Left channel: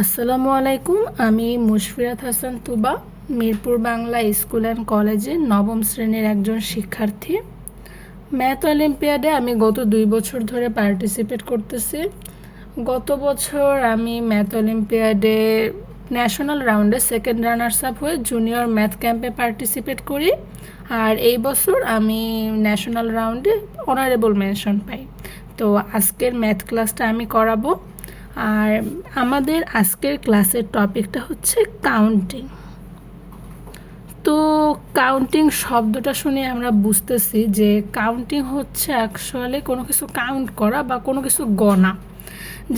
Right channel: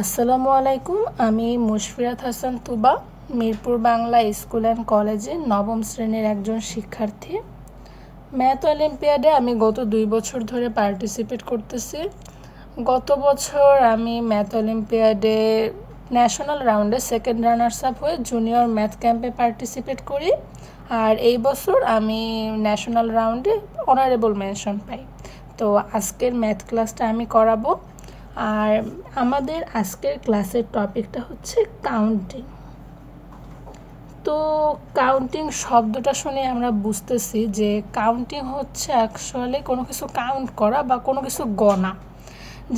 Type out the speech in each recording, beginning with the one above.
আসসালামু আলাইকুম। আমি মুশফিরাত হাসান তুবা, মিরপুর বাংলা স্কুল অ্যান্ড কলেজে নবম শ্রেণীর একজন শিক্ষার্থী। ম্যাথ অলিম্পিয়াডে আমি গত 2 বছর ধরে পার্টিসিপেট করতেছি। গত বছর আমি ম্যাথ অলিম্পিয়াডে ন্যাশনাল রাউন্ডে সেকেন্ড রানার্স আপ হয়ে জুনিয়র ম্যাথ ক্যাম্পে পার্টিসিপেট করি, আর এই বছর আমি ন্যাশনাল রাউন্ডে অনারেবল মেনশন পাই। তো আজকের ম্যাথ ক্লাসটা আমি করাবো। আর আমাদের আজকের ক্লাসের টপিকটা হচ্ছে কাউন্টিং। তো কাউন্টিং শব্দটা শুনে আমরা বুঝতেছি যে কাউন্টিং হচ্ছে অ্যাকচুয়ালি কোনো কিছু কাউন্ট করা বা কোনো কিছু গণা।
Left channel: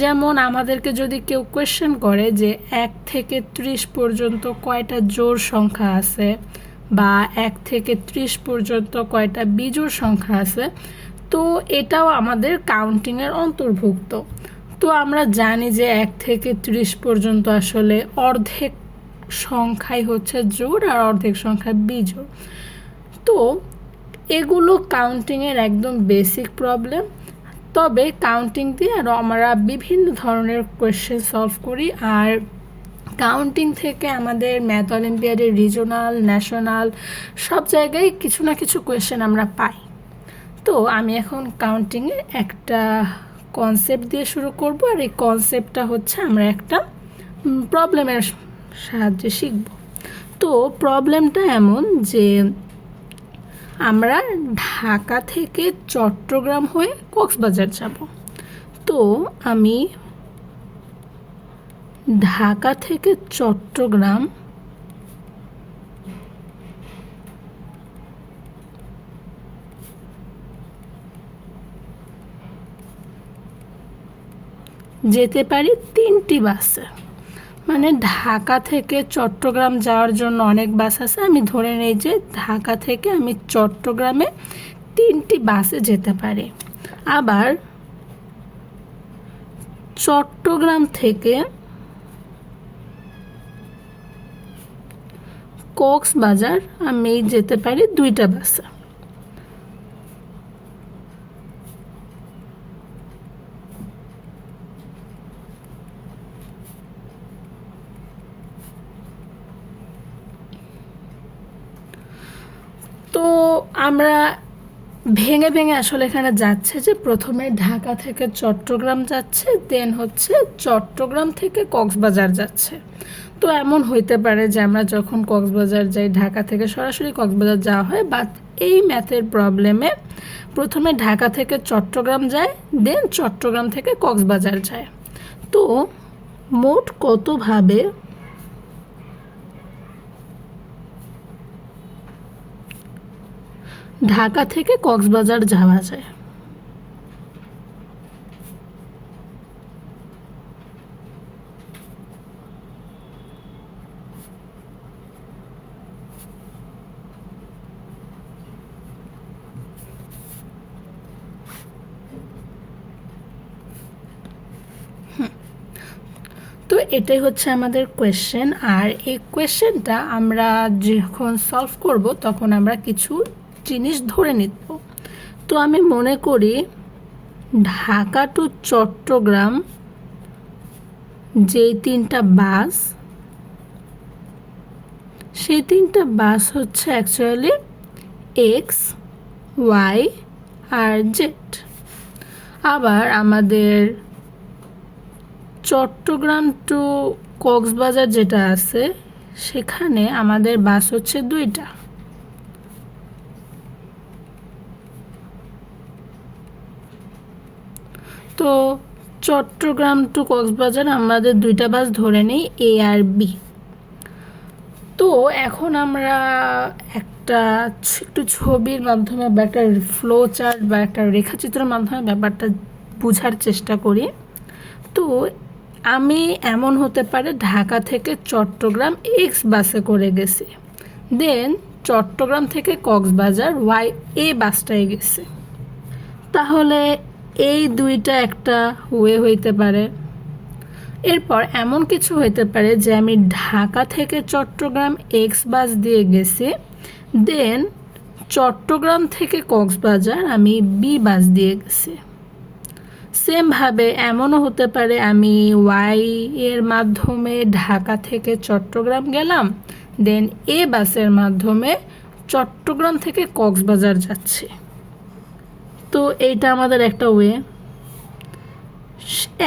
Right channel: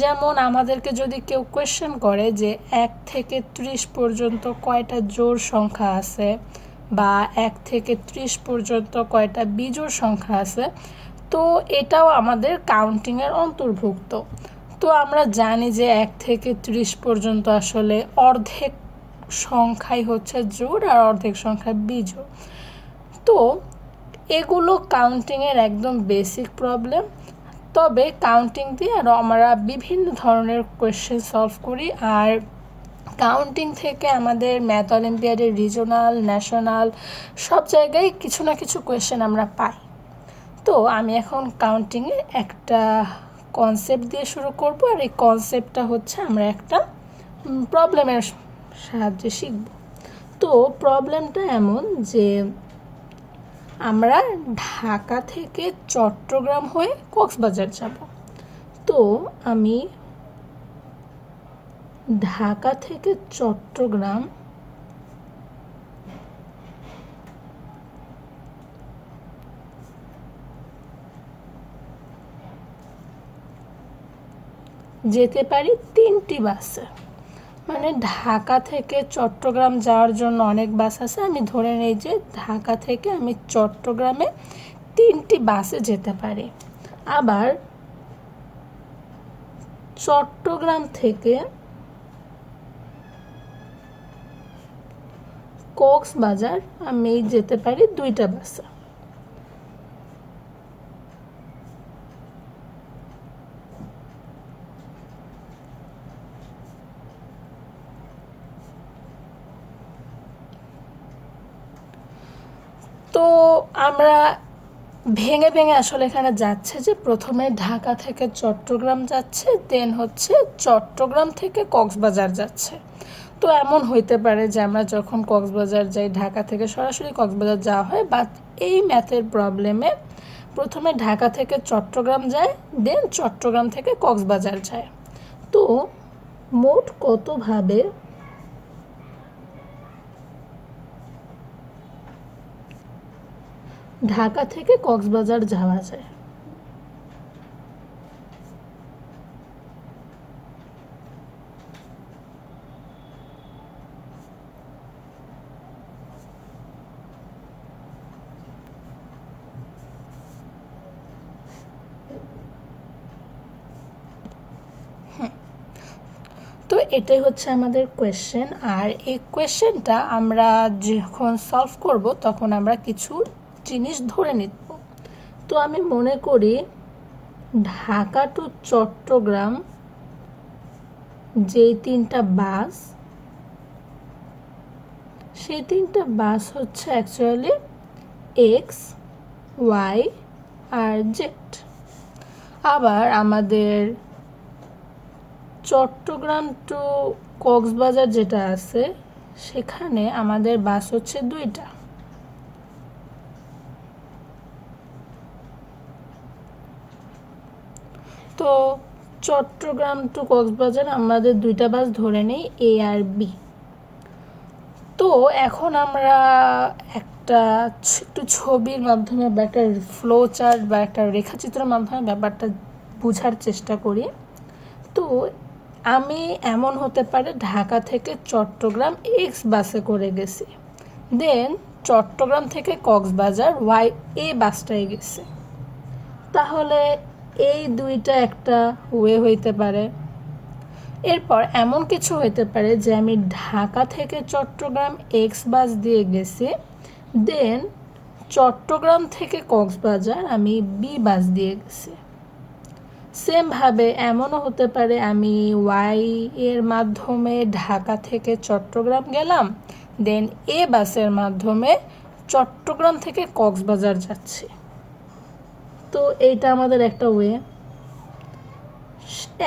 যেমন আমাদেরকে যদি কেউ কোয়েশ্চেন করে যে 1 থেকে 30 পর্যন্ত কয়টা জোড় সংখ্যা আছে বা 1 থেকে 30 পর্যন্ত কয়টা বিজোড় সংখ্যা আছে, তো এটাও আমাদের কাউন্টিংয়ের অন্তর্ভুক্ত। তো আমরা জানি যে 1 থেকে 30 পর্যন্ত আসলে অর্ধেক সংখ্যাই হচ্ছে জোড় আর অর্ধেক সংখ্যা বিজোড়। তো এগুলো কাউন্টিংয়ের একদম বেসিক প্রবলেম। তবে কাউন্টিং দিয়ে আরও আমরা বিভিন্ন ধরনের কোয়েশ্চেন সলভ করি, আর কাউন্টিং থেকে আমাদের ম্যাথ অলিম্পিয়াডের রিজনাল, ন্যাশনাল সব জায়গায় কিছু না কিছু কোয়েশ্চেন আমরা পাই। তো আমি এখন কাউন্টিংয়ের একটা কনসেপ্ট দিয়ে শুরু করব, আর এই কনসেপ্টটা হচ্ছে আমরা একটা প্রবলেমের সাহায্যে শিখব। তো প্রবলেমটা এমন যে আমরা ঢাকা থেকে চট্টগ্রাম হয়ে কক্সবাজার যাব। তো আমি ঢাকা থেকে চট্টগ্রাম যেতে পারি 3টি বাসে। মানে ঢাকা থেকে চট্টগ্রাম যাওয়ার জন্য অনেক বাস আছে, আমি ধরে নেই যে ঢাকা থেকে আমি চট্টগ্রামে 3টি বাসে যেতে পারি। আবার চট্টগ্রাম থেকে কক্সবাজার আমি যেতে পারি 2টা বাসে। তো আমরা ভেঙে ভেঙে আসলে এখানে যাচ্ছে যে প্রথমে ঢাকা থেকে চট্টগ্রাম যাচ্ছে, দেন হচ্ছে চট্টগ্রাম থেকে কক্সবাজার যাচ্ছে। তো এমন হইতে পারে যে আমরা যখন কক্সবাজার যাই ঢাকা থেকে সরাসরি কক্সবাজার যাওয়া হয়, বাট এই ম্যাথের প্রবলেমে প্রথমে ঢাকা থেকে চট্টগ্রাম যায়, দেন চট্টগ্রাম থেকে কক্সবাজার যায়। তো মোট কতভাবে ঢাকা থেকে কক্সবাজার যাওয়া যায়? তো এটাই হচ্ছে আমাদের কোয়েশ্চেন, আর এই কোয়েশ্চেনটা আমরা যখন সলভ করব তখন আমরা কিছু জিনিস ধরে নিব। তো আমি মনে করি ঢাকা টু চট্টগ্রাম যেই 3টা বাস, সেই 3টা বাস হচ্ছে অ্যাকচুয়ালি এক্স, ওয়াই আর জেড। আবার আমাদের চট্টগ্রাম টু কক্সবাজার যেটা আছে সেখানে আমাদের বাস হচ্ছে 2টা। তো চট্টগ্রাম টু কক্সবাজার আমাদের 2টা বাস ধরে নেই, এ আর বি। তো এখন আমরা একটা একটু ছবির মাধ্যমে বা একটা ফ্লো চার্ট বা একটা রেখাচিত্রের মাধ্যমে ব্যাপারটা বোঝার চেষ্টা করি। তো আমি এমন হতে পারে ঢাকা থেকে চট্টগ্রাম এক্স বাসে করে গেছি, দেন চট্টগ্রাম থেকে কক্সবাজার ওয়াই এ বাসটায় গেছে। তাহলে এই 2টা একটা ওয়ে হইতে পারে। এরপর এমন কিছু হইতে পারে যে আমি ঢাকা থেকে চট্টগ্রাম এক্স বাস দিয়ে গেছি, দেন চট্টগ্রাম থেকে কক্সবাজার আমি বি বাস দিয়ে গেছি। সেমভাবে এমনও হতে পারে আমি ওয়াই এর মাধ্যমে ঢাকা থেকে চট্টগ্রাম গেলাম, দেন এ বাসের মাধ্যমে চট্টগ্রাম থেকে কক্সবাজার যাচ্ছি। তো এইটা আমাদের একটা ওয়ে।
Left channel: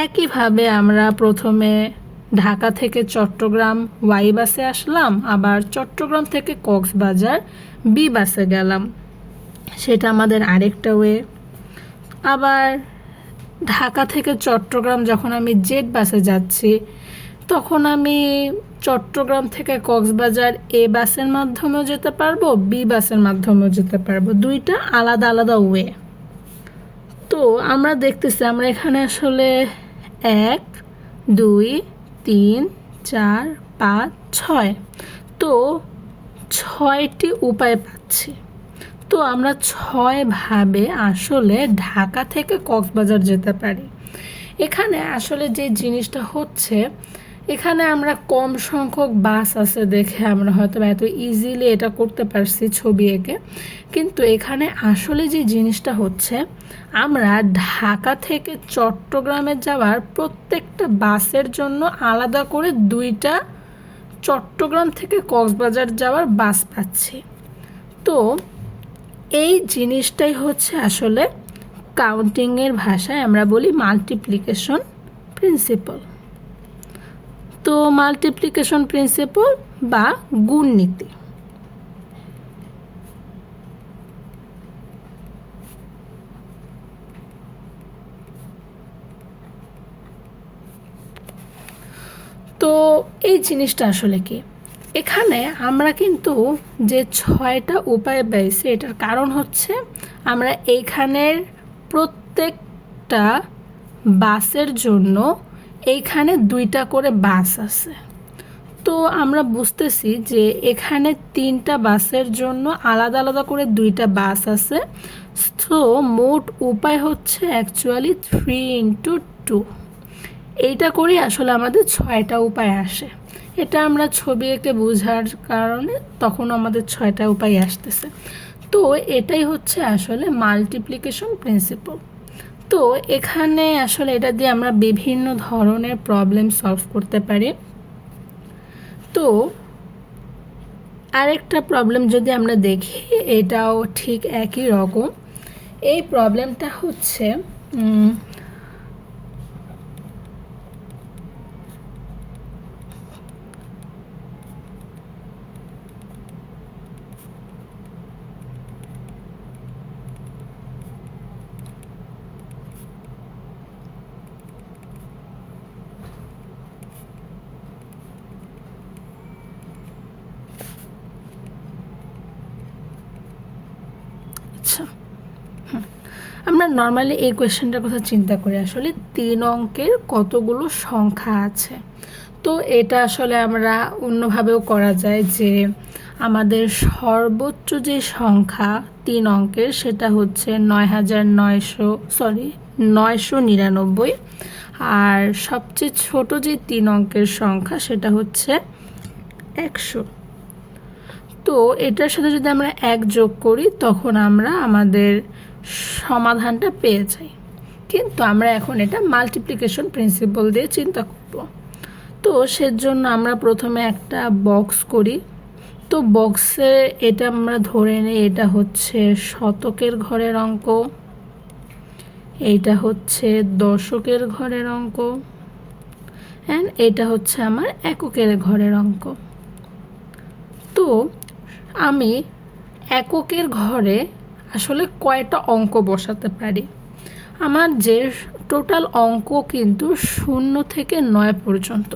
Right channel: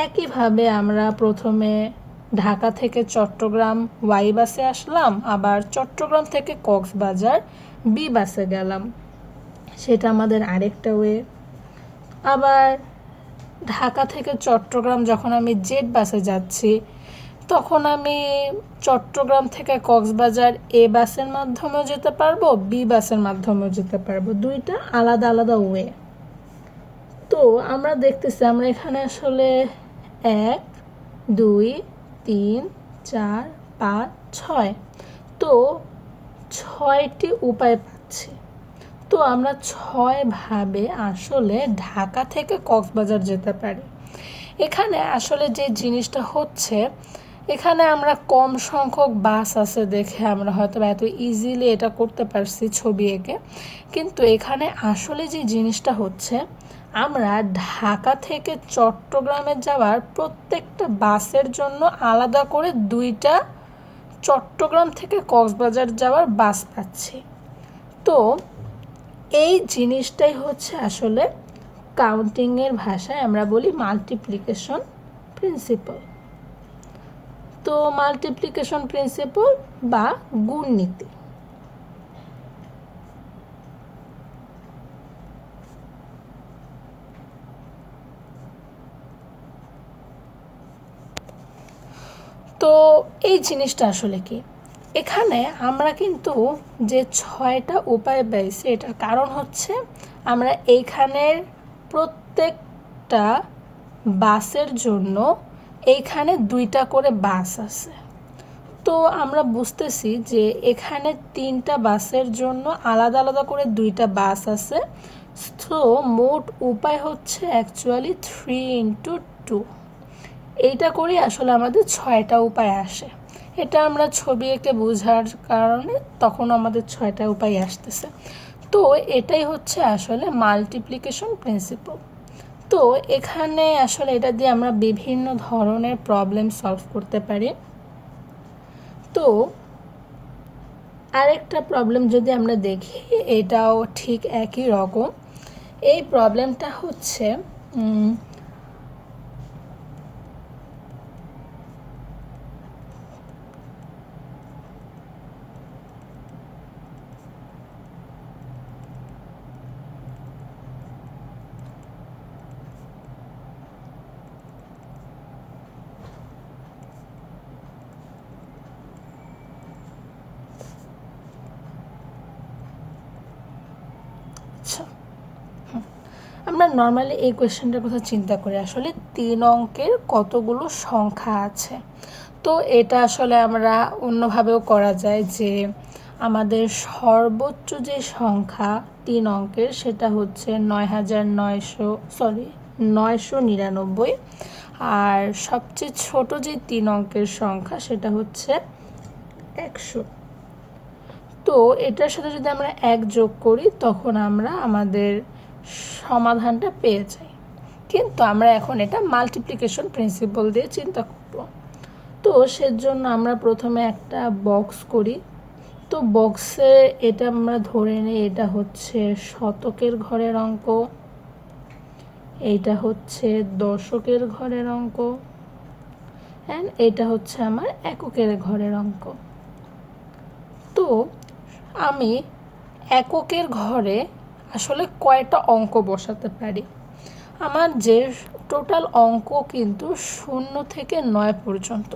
একইভাবে আমরা প্রথমে ঢাকা থেকে চট্টগ্রাম ওয়াই বাসে আসলাম, আবার চট্টগ্রাম থেকে কক্সবাজার বি বাসে গেলাম, সেটা আমাদের আরেকটা ওয়ে। আবার ঢাকা থেকে চট্টগ্রাম যখন আমি জেড বাসে যাচ্ছি, তখন আমি চট্টগ্রাম থেকে কক্সবাজার এ বাসের মাধ্যমেও যেতে পারবো, বি বাসের মাধ্যমেও যেতে পারবো, দুইটা আলাদা আলাদা ওয়ে। তো আমরা দেখতেছি আমরা এখানে আসলে 1 2 3 4 5 6, তো 6টি উপায় পাচ্ছি। তো আমরা 6 ভাবে আসলে ঢাকা থেকে কক্সবাজার যেতে পারি। এখানে আসলে যে জিনিসটা হচ্ছে, এখানে আমরা কম সংখ্যক বাস আছে দেখে আমরা হয়তো এত ইজিলি এটা করতে পারছি ছবি এঁকে, কিন্তু এখানে আসলে যে জিনিসটা হচ্ছে, আমরা ঢাকা থেকে চট্টগ্রামে যাওয়ার প্রত্যেকটা বাসের জন্য আলাদা করে 2টা চট্টগ্রাম থেকে কক্সবাজার যাওয়ার বাস পাচ্ছি। তো এই জিনিসটাই হচ্ছে আসলে কাউন্টিংয়ের ভাষায় আমরা বলি মাল্টিপ্লিকেশন প্রিন্সিপাল। তো মাল্টিপ্লিকেশন প্রিন্সিপাল বা গুণ নীতি। তো এই জিনিসটা আসলে কি, এখানে আমরা কিন্তু যে 6টা উপায় পাইছি, এটার কারণ হচ্ছে আমরা এইখানের প্রত্যেকটা বাসের জন্য এইখানে 2টা করে বাস আছে। তো আমরা বুঝতেছি যে এখানে 3টা বাসের জন্য আলাদা আলাদা করে 2টা বাস আছে। তো মোট উপায় হচ্ছে অ্যাকচুয়ালি 3 × 2। এইটা করে আসলে আমাদের 6টা উপায় আসে। এটা আমরা ছবি এঁকে বোঝার কারণে তখন আমাদের 6টা উপায় আসতেছে। তো এটাই হচ্ছে আসলে মাল্টিপ্লিকেশন প্রিন্সিপাল। তো এখানে আসলে এটা দিয়ে আমরা বিভিন্ন ধরনের প্রবলেম সলভ করতে পারি। তো আরেকটা প্রবলেম যদি আমরা দেখি, এটাও ঠিক একই রকম। এই প্রবলেমটা হচ্ছে আমরা নর্মালি এই কোয়েশ্চেনটার কথা চিন্তা করি, আসলে 3 অঙ্কের কতগুলো সংখ্যা আছে। তো এটা আসলে আমরা অন্যভাবেও করা যায় যে আমাদের সর্বোচ্চ যে সংখ্যা 3 অঙ্কের সেটা হচ্ছে 9,999, আর সবচেয়ে ছোট যে 3 অঙ্কের সংখ্যা সেটা হচ্ছে 100। তো এটার সাথে যদি আমরা 1 যোগ করি তখন আমরা আমাদের সমাধানটা পেয়ে যাই। কিন্তু আমরা এখন এটা মাল্টিপ্লিকেশন প্রিন্সিপাল দিয়ে চিন্তা করব। তো সেজন্য আমরা প্রথমে একটা বক্স করি। তো বক্সে এটা আমরা ধরে নিই এটা হচ্ছে শতকের ঘরের অঙ্ক, এইটা হচ্ছে দশকের ঘরের অঙ্ক, অ্যান্ড এটা হচ্ছে আমার এককের ঘরের অঙ্ক। তো আমি এককের ঘরে আসলে কয়টা অঙ্ক বসাতে পারি? আমার যে টোটাল অঙ্ক কিন্তু 0 থেকে 9 পর্যন্ত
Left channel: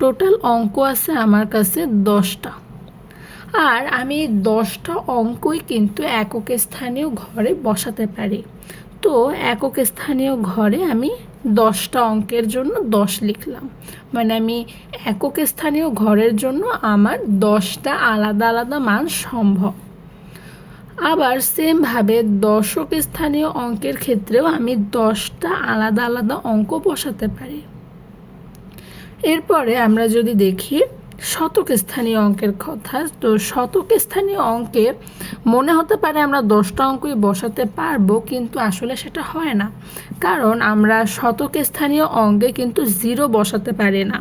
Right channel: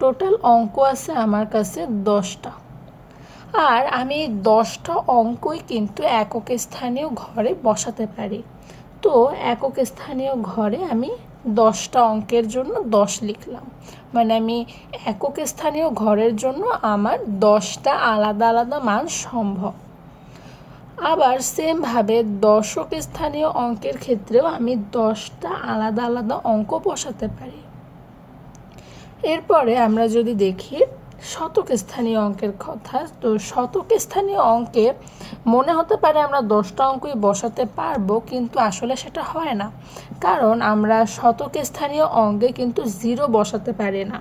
টোটাল অঙ্ক আছে আমার কাছে 10টা, আর আমি 10টা অঙ্কই কিন্তু একক স্থানীয় ঘরে বসাতে পারি। তো একক স্থানীয় ঘরে আমি 10টা অঙ্কের জন্য 10 লিখলাম, মানে আমি একক স্থানীয় ঘরের জন্য আমার 10টা আলাদা আলাদা মান সম্ভব। আবার সেমভাবে দশক স্থানীয় অঙ্কের ক্ষেত্রেও আমি 10টা আলাদা আলাদা অঙ্ক বসাতে পারি। এরপরে আমরা যদি দেখি শতক স্থানীয় অঙ্কের কথা। তো শতক স্থানীয় অঙ্কে মনে হতে পারে আমরা 10টা অঙ্কই বসাতে পারবো, কিন্তু আসলে সেটা হয় না, কারণ আমরা শতক স্থানীয় অঙ্কে কিন্তু 0 বসাতে পারি না।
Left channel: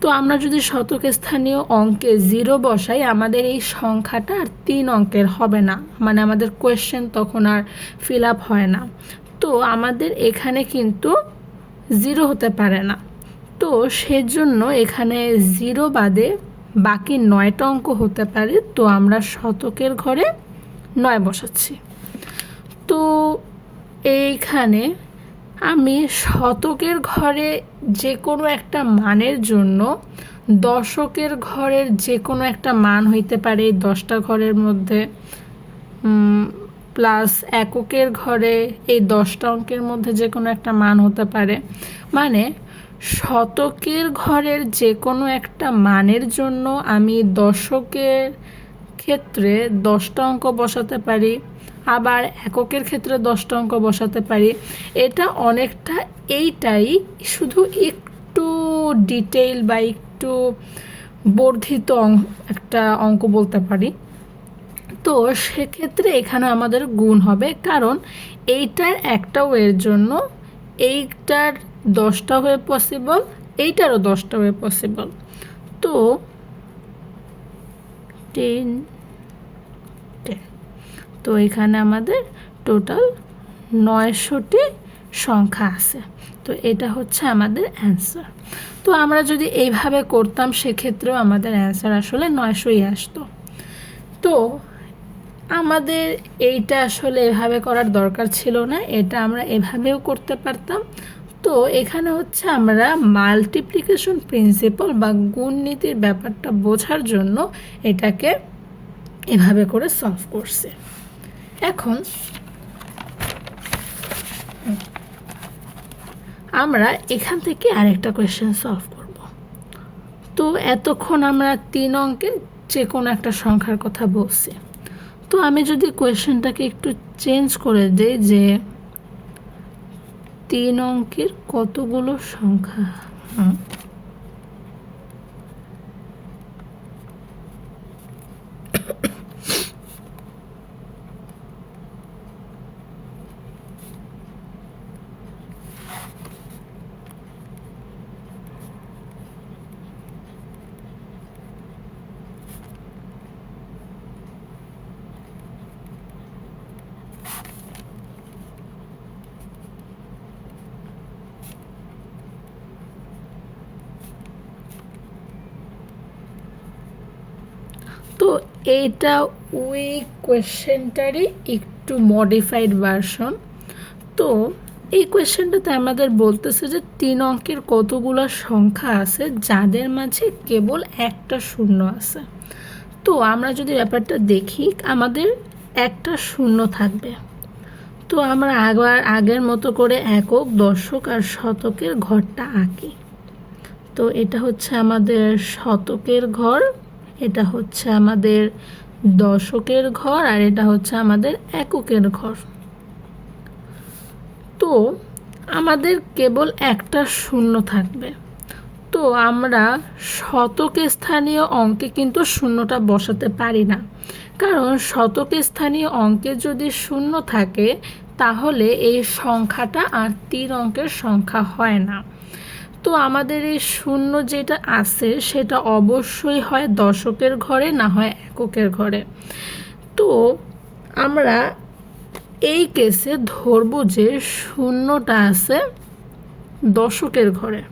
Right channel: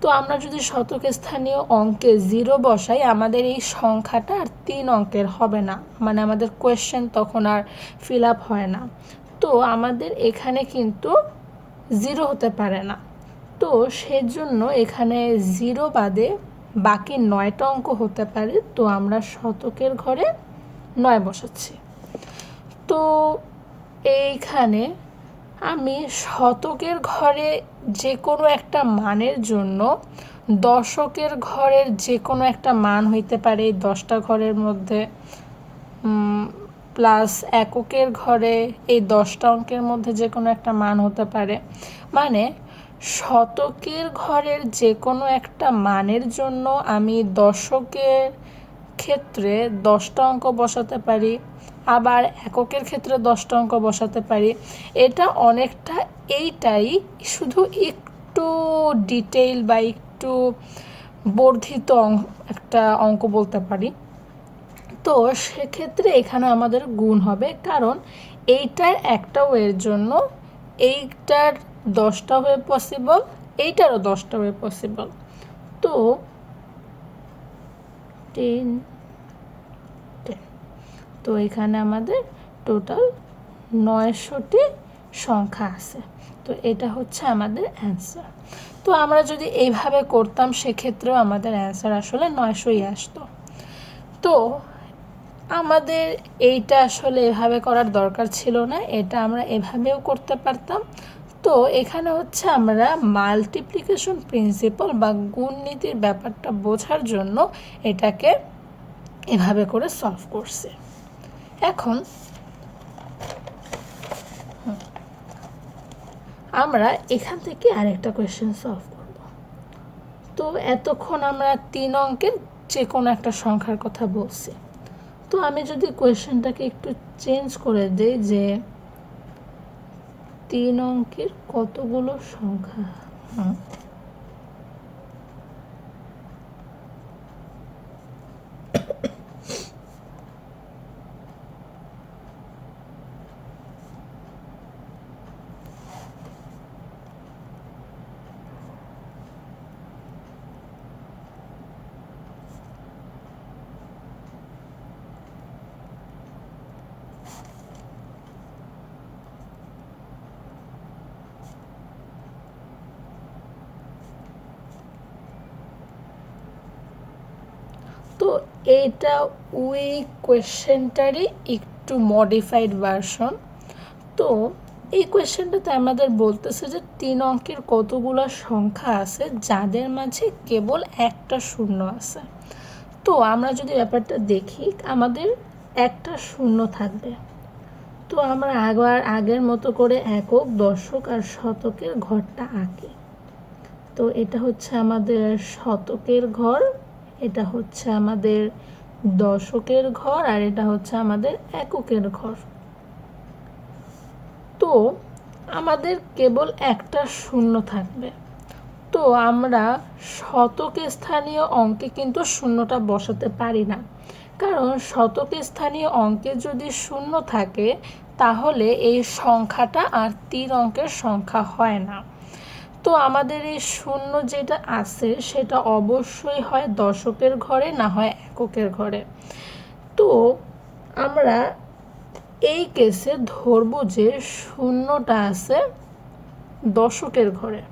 তো আমরা যদি শতক স্থানীয় অঙ্কে 0 বসাই, আমাদের এই সংখ্যাটা আর 3 অঙ্কের হবে না, মানে আমাদের কোয়েশ্চেন তখন আর ফিল আপ হয় না। তো আমাদের এখানে কিন্তু 0 হতে পারে না। তো সেজন্য এখানে 0 বাদে বাকি 9টা অঙ্ক হতে পারে। তো আমরা শতকের ঘরে 9 বসাচ্ছি। তো এইখানে আমি শতকের ঘরে যে কোনো একটা মানের জন্য দশকের ঘরের যে কোনো একটা মান হইতে পারে 10টা ঘরের মধ্যে, প্লাস এককের ঘরে এই 10টা অঙ্কের মধ্যে যে কোনো একটা মান হতে পারে। মানে শতকের ঘরের যে কোনো একটা মানের জন্য আমি দশকের ক্ষেত্রে 10টা অঙ্ক বসাতে পারি, আবার এককের ক্ষেত্রে 10টা অঙ্ক বসাতে পারি। এটা অনেকটা এইটাই, শুধু একটু ডিটেইল বা একটু বর্ধিত একটা অঙ্ক বলতে পারি। তো সেক্ষেত্রে এখানে আমাদের গুণ হবে, কারণ এইটার একটা ওয়ের জন্য এইটার 10টা ওয়ে পসিবল, এইটারও 10টা ওয়ে পসিবল। তো 10 তো এখানে আমাদের টোটাল 900টি সংখ্যা আছে। তো এটা হচ্ছে আমাদের অ্যান্সার। তো আমরা যদি এইভাবে করতাম সেক্ষেত্রেও আমাদের অ্যান্সার আসলে 900ই আসতো। তো আমাদের এইটা আসলে এভাবে করার দরকার ছিল না, এটা আমরা এভাবেও করতে পারতাম। তো এখানে হচ্ছে আমরা মাল্টিপ্লিকেশন প্রিন্সিপাল বা গুণ নীতির ব্যাপারটা বোঝার জন্য এটাকে এভাবে করে সলভ করছে। এখন আমরা এখান থেকে আরেকটা কোয়েশ্চেন সলভ করব। তো এতক্ষণ আমরা 3 অঙ্কের যে কোনো একটা সংখ্যার কথা বলছি। তো আমি যদি কোয়েশ্চেনটাকে একটু চেঞ্জ করে দেই যে 3 অঙ্কের কতগুলো সংখ্যা, তো এইটা ওই কোয়েশ্চেনটারই একটু মডিফাইড ভার্সন। তো এই কোয়েশ্চেনটাতে আমাদের বলতেছে যে 3 অঙ্কের কতগুলো সংখ্যা আছে যাদের মাঝে কেবল একটা শূন্য আছে। তো আমরা যদি ব্যাপারটা দেখি, আমাদের একটা শূন্য থাকবে। তো আমরা আগের মতো করে একক, দশক আর শতকের ঘরটা আঁকি। তো এটা হচ্ছে আমাদের শতকের ঘর, এটা হচ্ছে আমাদের দশকের ঘর, আর এটা হচ্ছে আমাদের এককের ঘর। তো আমাদের কেবল একটা শূন্য থাকবে। তো আমরা শতক স্থানীয় অঙ্কে কিন্তু শূন্যটা বসাতে পারি না, কারণ শতক স্থানীয় অঙ্কে যদি শূন্য থাকে তাহলে এই সংখ্যাটা আর 3 অঙ্কের সংখ্যা হয় না। তো আমাদের এই শূন্য যেটা আছে সেটা অবশ্যই হয় দশকের ঘরে, না হয় এককের ঘরে। তো আমরা এই কেসে ধরব যে শূন্যটা আছে দশকের ঘরে।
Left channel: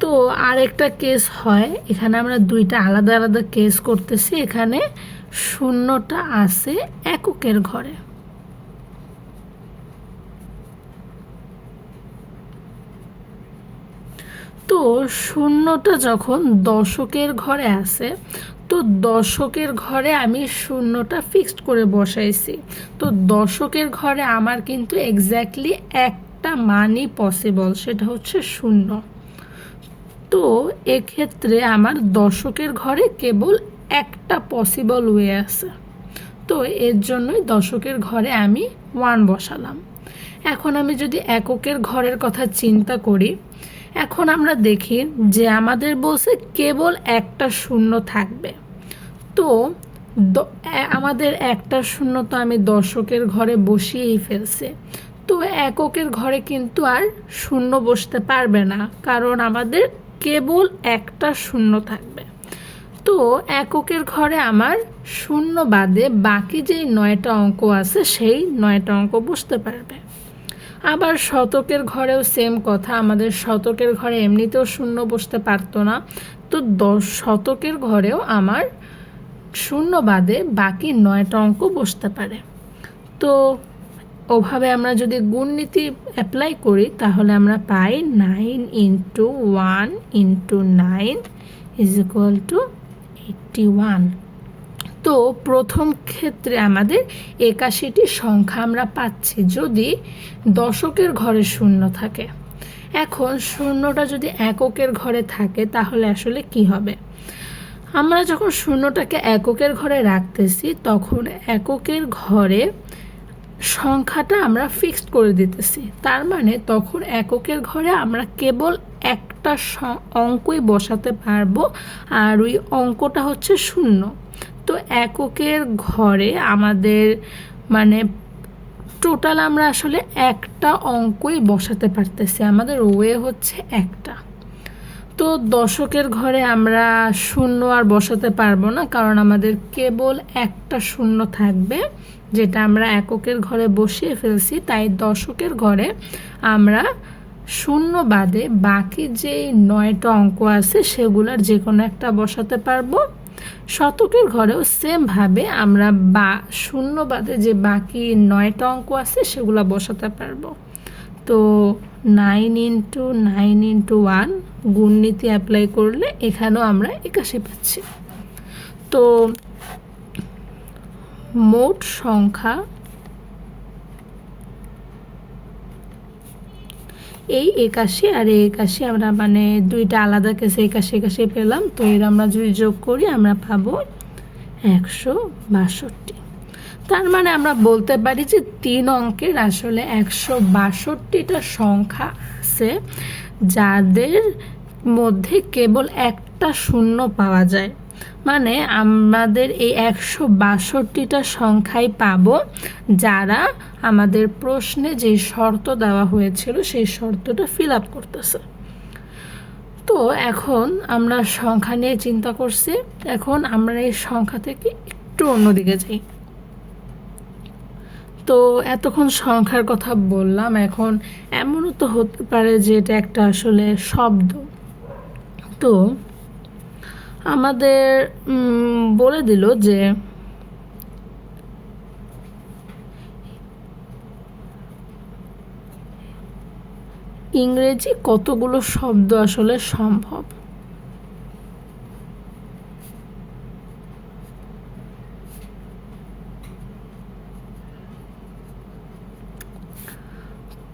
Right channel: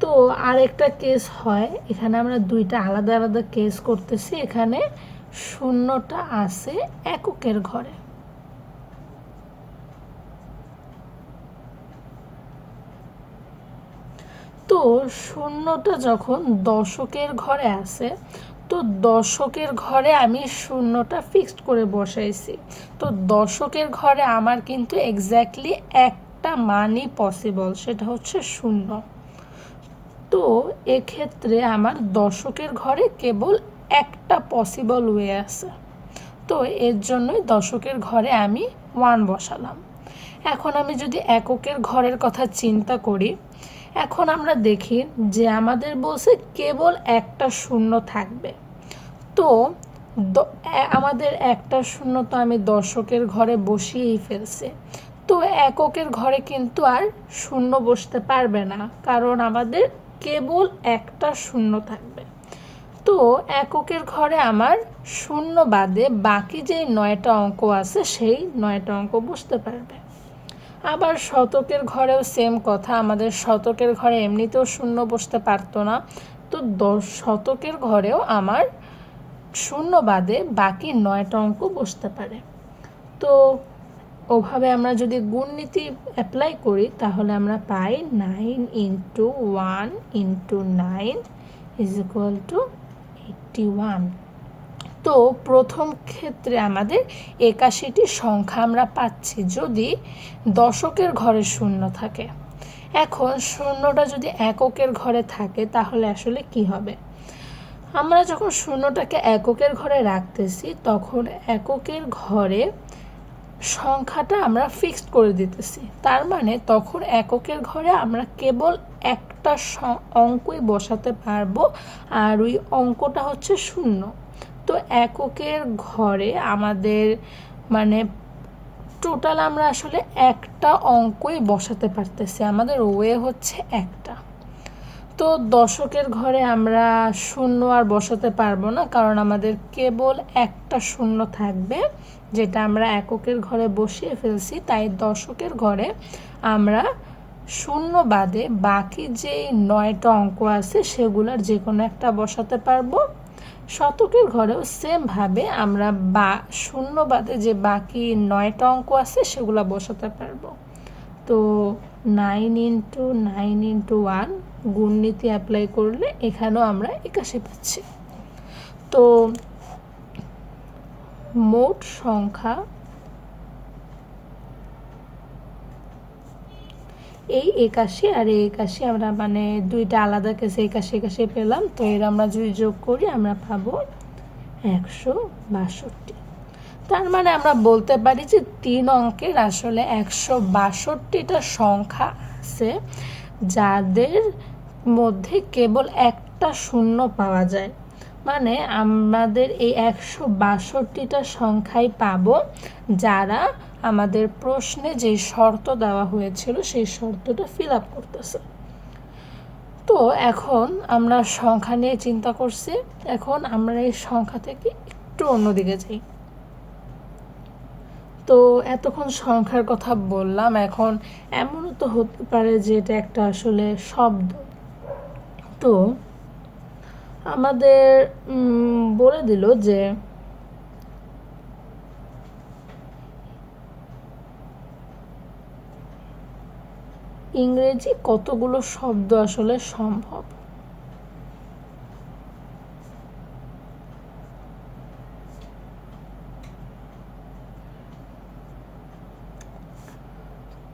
তো আরেকটা কেস হয়, এখানে আমরা দুইটা আলাদা আলাদা কেস করতেছি। এখানে শূন্যটা আছে এককের ঘরে। তো শূন্যটা যখন দশকের ঘরে আছে, তো দশকের ঘরে আমি শূন্যটা ফিক্সড করে বসাইছি। তো দশকের ঘরে আমার কিন্তু এক্স্যাক্টলি একটা মানই পসিবল, সেটা হচ্ছে শূন্য। তো এক্ষেত্রে আমার দশকের ঘরে কেবল একটা পসিবল ওয়ে আছে। তো এর জন্যই দশকের ঘরে আমি 1 বসালাম। এখন আমি যদি এককের ঘরের কথা চিন্তা করি, এখন আমরা দেখি যে আমাদের বলছে কেবল একটা শূন্য থাকবে। তো আমাদের একটা শূন্য তো আমি দশকের ঘরে বসিয়েই ফেলছি। তো এককের ঘরে কিন্তু আর শূন্য বসতে পারবে না, কারণ আমাদের কেবল একটা শূন্য থাকবে। তো এককের ঘরে আমার শূন্য বাদে বাকি যে 9টা অঙ্ক আছে সেই 9টা অঙ্ক বসতে পারবে। আবার শতকের ঘরেও সেম কথা, আমাদের শতকের ঘরে এমনিতেও শূন্য বসতে পারতো না। তো শতকের ঘরেও আমার শূন্য বাদে বাকি 9টা অঙ্ক বসতে পারে। তো ওভাবে আমরা যদি গুণনীতি অ্যাপ্লাই করি তাহলে আমরা পাই 9 × 1 × 9 = 81। তো প্রথম ক্ষেত্রে আমাদের 81টি সংখ্যা আমরা পাচ্ছি যদি দশকের ঘরে শূন্য থাকে। এখন শূন্যটা যদি এককের ঘরে থাকে তাহলে আসলে কি হবে? আমরা যখন শূন্যটাকে এককের ঘরে রাখতেছি তখন এককের ঘরে সংখ্যাটা আমরা ফিক্সড করে দিতেছি। তার মানে তখন এককের ঘরে আমরা কেবল একটা অঙ্কই বসাতে পারবো, আর ওই অঙ্কটা হচ্ছে শূন্য। তো এককের ঘরে আমাদের মানে টোটাল আমরা আসলে একটা অঙ্কই বসাতে পারতেছি, আমাদের ওয়ে হচ্ছে একটা। তো দশকের ঘরে আমরা শূন্য আর বসাতে পারবো না, কারণ আমাদের কেবল একটা শূন্য থাকবে, যেটা আমরা এককের ঘরে বসিয়ে ফেলছি। তাই দশকের ঘরে আমরা শূন্য বাদে বাকি যেই 9টা অঙ্ক আছে সেগুলোর যে কোনো একটা বসাতে পারবো। শতকের ঘরেও সেমভাবে আমরা শূন্য বাদে যে বাকি 9টা অঙ্ক আছে সেগুলো বসাতে পারবো। তো 9 × 9 × 1 গুণনীতি অ্যাপ্লাই করলে এখানেও আমরা 81 পাচ্ছি। তো মোট সংখ্যা এই 81 আর এই 81 আমরা মানে দুইটা আলাদা কেসে 81 পেলাম। তো এর আমরা যদি যোগ করি আমরা পাবো 162। তার মানে আমরা বলতে পারি যে 3 অঙ্কের আসলে 162টা সংখ্যা আছে যাদের মধ্যে কেবল একটা শূন্য পাওয়া যায়। মানে আমাদের এই 162টা সংখ্যাই পাবো যারা আমাদের প্রশ্নে যে শর্ত দেওয়া হয়েছিল সেই শর্তটা ফিল আপ করতেছে। তো এখন আমরা সংখ্যা নিয়ে চিন্তা করছি, এখন আমরা এই সংখ্যা থেকে একটু অন্যদিকে যাই। তো এতক্ষণ সংখ্যার কথা বললাম, এখন এমনও তো হতে পারে যে এটা একটা আসলে শব্দ। তো আমাদের বলে দিল যে ইংরেজি কতগুলো শব্দ আসলে সম্ভব।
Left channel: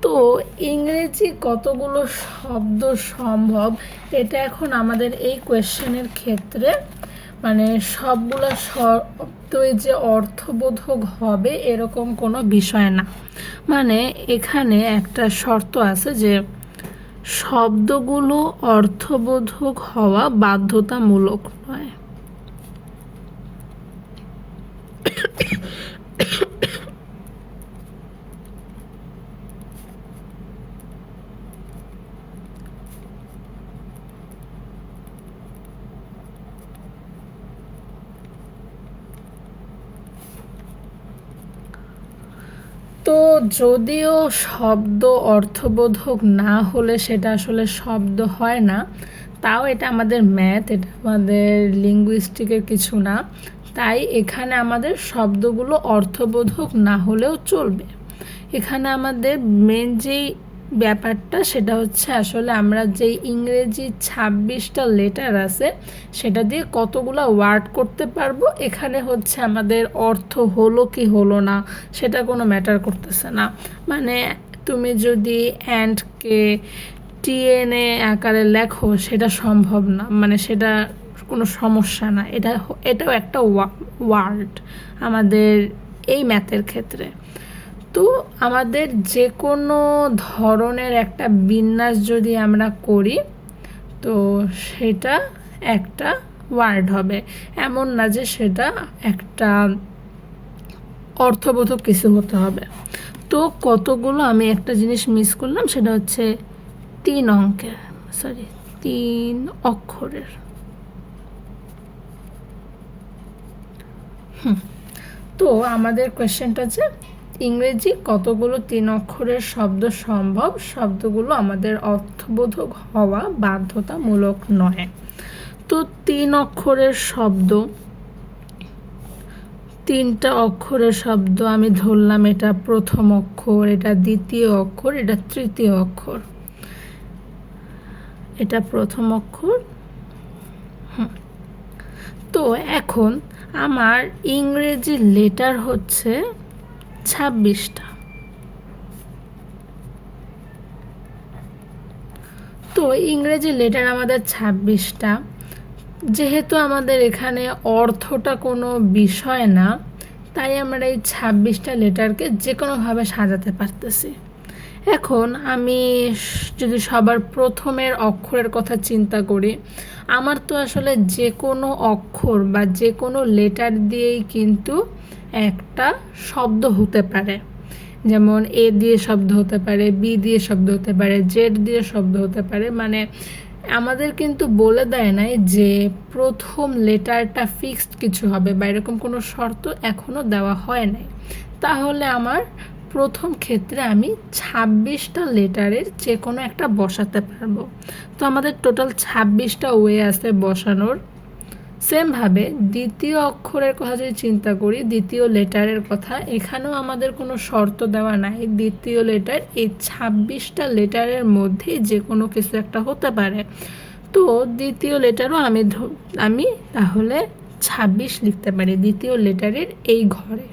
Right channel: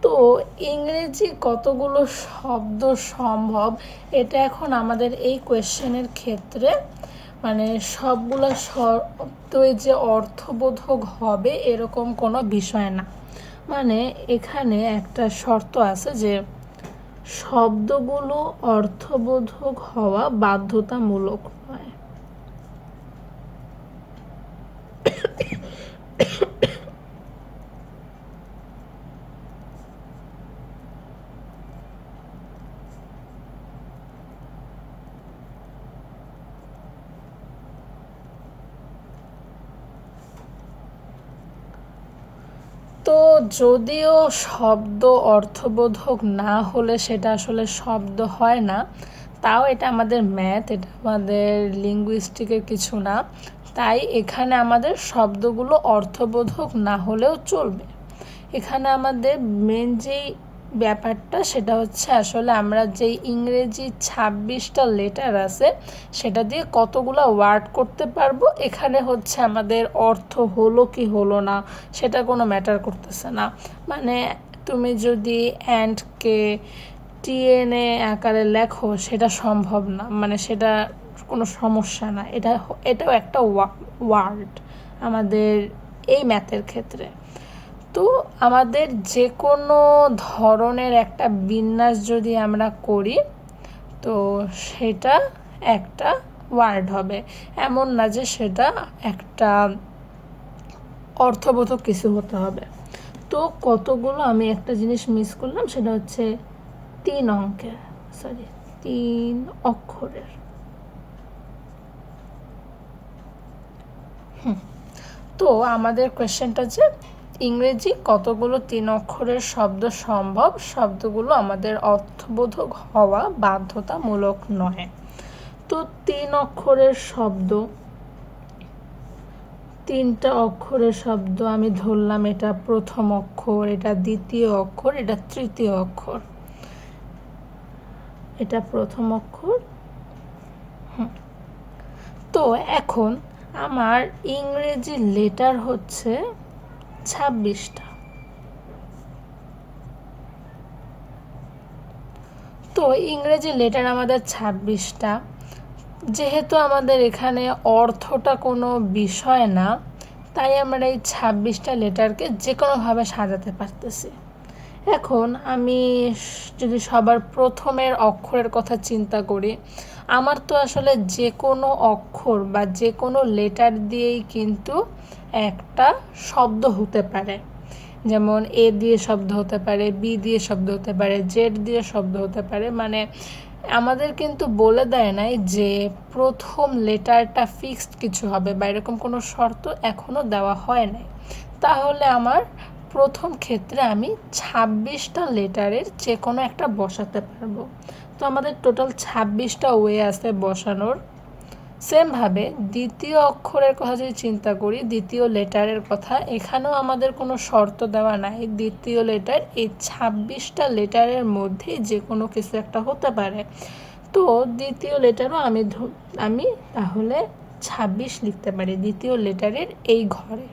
তো ইংরেজি কতগুলো শব্দ সম্ভব এটা এখন আমাদের এই কোয়েশ্চেনের ক্ষেত্রে মানে সবগুলো শব্দই যে অর্থবোধক হবে এরকম কোনো বিষয় না। মানে এখানে একটা শর্ত আছে যে শব্দগুলো অর্থবোধক হওয়া বাধ্যতামূলক নয়। তো যদিও শব্দ অর্থবোধক না হলে সেটা আসলে শব্দ হয় না, তাও এটা আমাদের ম্যাথ, এটা আমাদের লিঙ্গুইস্টিকের কিছু না। তাই এখানে আমাদের শব্দগুলো অর্থবোধক না হলেও চলবে। এখানে আমাদের মেন যেই ব্যাপারটা সেটা হচ্ছে আসলে আমরা যেই ইংরেজি 26টা লেটার আছে সেটা দিয়ে কতগুলো ওয়ার্ড করতে পারবো, এখানে হচ্ছে আমাদের অর্থ হলো কি হলো না সেটা কোনো ম্যাটার করতেছে না। মানে তুমি যদি অ্যান্ডকে TNA আকারে লেখো সেটা সম্ভব না, মানে সেটা কোনো সমস্যা না। এটাও একটা ওয়ার্ড আমাদের এই ম্যাথের ক্ষেত্রে। তো আমাদের যে কোনো ধরনের একটা বিন্যাস যদি আমরা করি তো সেটা একটা ওয়ার্ড হবে, এমন না যে সেটা একটা অর্থবোধক কিছু হতে হবে। তো কতগুলো আমি একটা জিনিস মিস করলাম, সেটা হচ্ছে 3 অক্ষরের। তো আমাদের কোয়েশ্চেনটা যে ইংরেজি কতগুলো 3 অক্ষরের শব্দ সম্ভব, শব্দগুলো আমাদের অর্থবোধক হওয়া বাধ্যতামূলক নয়। তো 3 অক্ষরের শব্দ, 3টা অক্ষরের শব্দ আমি ধরলাম, এটা প্রথম অক্ষর, এটা দ্বিতীয় অক্ষর, এটা তৃতীয় অক্ষর। এটা প্রথম অক্ষর। তো এখন আমার ইংরেজি লেটার হচ্ছে 26টা। তো ইংরেজি লেটার আমাদের 26টা। যেহেতু আমাদের এখানে অর্থটা কোনো বিষয় না, তাই আমরা এই 26টা লেটারকে যে কোনোভাবে সাজাতে পারতেছি। এখন আমি যদি সবার প্রথমের অক্ষরের কথা চিন্তা করি, আমার তো আসলে যে কোনো অক্ষর বা যে কোনো লেটার দিয়েই কিন্তু একটা শব্দ হতে পারে। যেমন এ দিয়ে শব্দ হতে পারে, বি দিয়ে শব্দ হতে পারে, জেড দিয়ে শব্দ হতে পারে। মানে আমাদের কিন্তু বলে দেয় নাই যে প্রথম লেটারটা ফিক্সড কিছু হবে বা এরকম কোনো শর্ত এখনও দেওয়া হয় নাই। তাহলে আমার প্রথম ক্ষেত্রে আমি 26টা লেটারের যে কোনো একটা বসাতে পারবো। তো আমাদের টোটাল 26টা ওয়ে আছে বসানোর। সেমভাবে দ্বিতীয় অক্ষরের কথা যদি চিন্তা করি, দ্বিতীয় লেটারের কথা, এখানেও আমাদের কোনো শর্ত দেওয়া নাই। দ্বিতীয় লেটার এই 26টা লেটারের মধ্যে যে কোনো কিছু একটা হতে পারে। তো দ্বিতীয় লেটারও আমি তাহলে 26 লিখতে পারি দ্বিতীয় লেটারের এই ঘরে,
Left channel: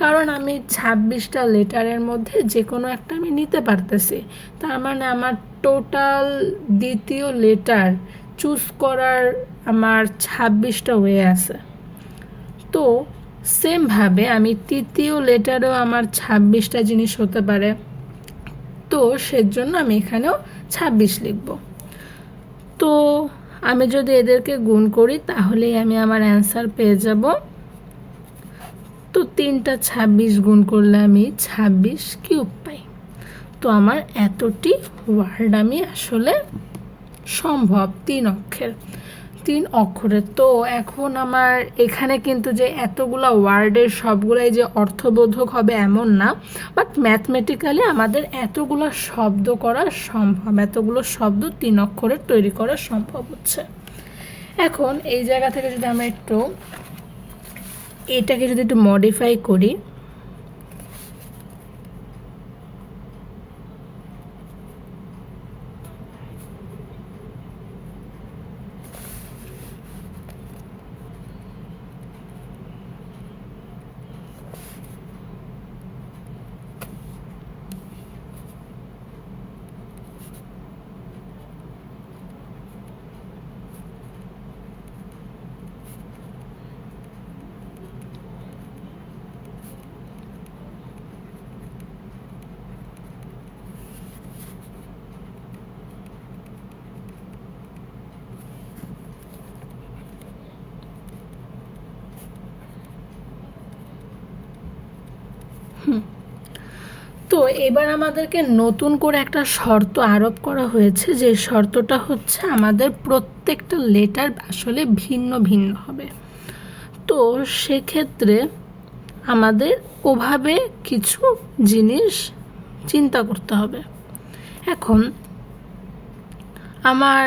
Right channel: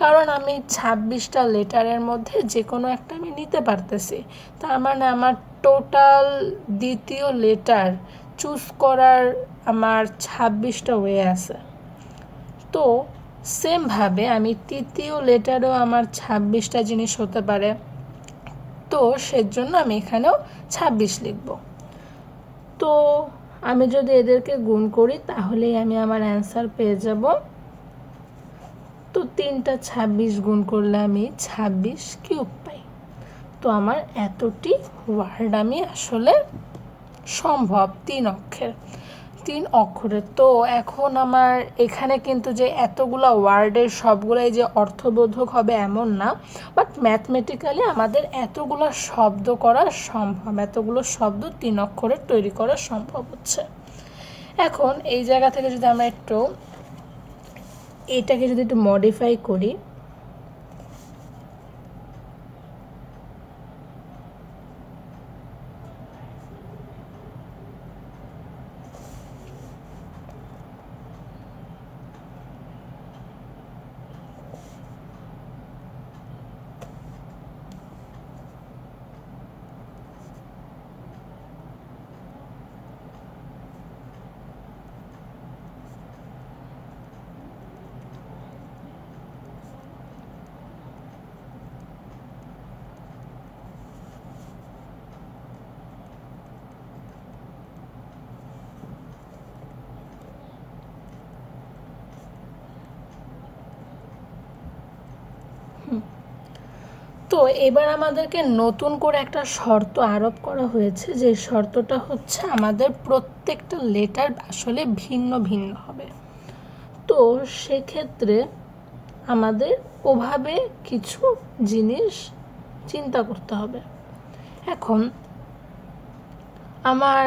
কারণ আমি 26টা লেটারের মধ্যে যে কোনো একটা আমি নিতে পারতেছি। তার মানে আমার টোটাল দ্বিতীয় লেটার চুজ করার আমার 26টা ওয়ে আছে। তো সেমভাবে আমি তৃতীয় লেটারেও আমার 26টা জিনিস হতে পারে। তো সেজন্য আমি এখানেও 26 লিখব। তো আমি যদি এদেরকে গুণ করি তাহলেই আমি আমার অ্যান্সার পেয়ে যাব। তো 3টা 26 গুণ করলে আমি 26 কিউব পাই। তো আমার এতটি ওয়ার্ড আমি আসলে সম্ভব 3 অক্ষরের। তো এখন আমার এখানে কিন্তু যে এতগুলো ওয়ার্ডের সবগুলাই যে অর্থবোধক হবে এমন না, বাট ম্যাথমেটিক্যালি আমাদের এতগুলো শব্দ করা সম্ভব, এতগুলো শব্দ 3 অক্ষরের তৈরি করা সম্ভব হচ্ছে। এখন এই জায়গা থেকে যদি আমরা এটাকে যদি একটু মডিফাই করি, তো এবার আমাদেরকে নতুন করে একটা শর্ত আরোপ করা হয়েছে, যে শর্তটা হচ্ছে আমাদের প্রত্যেকটা লেটার আসলে ভিন্ন ভিন্ন হবে। তো সেক্ষেত্রে আমাদের ওভাবে কিছু জিনিস চিন্তা করতে হবে। এখন আমার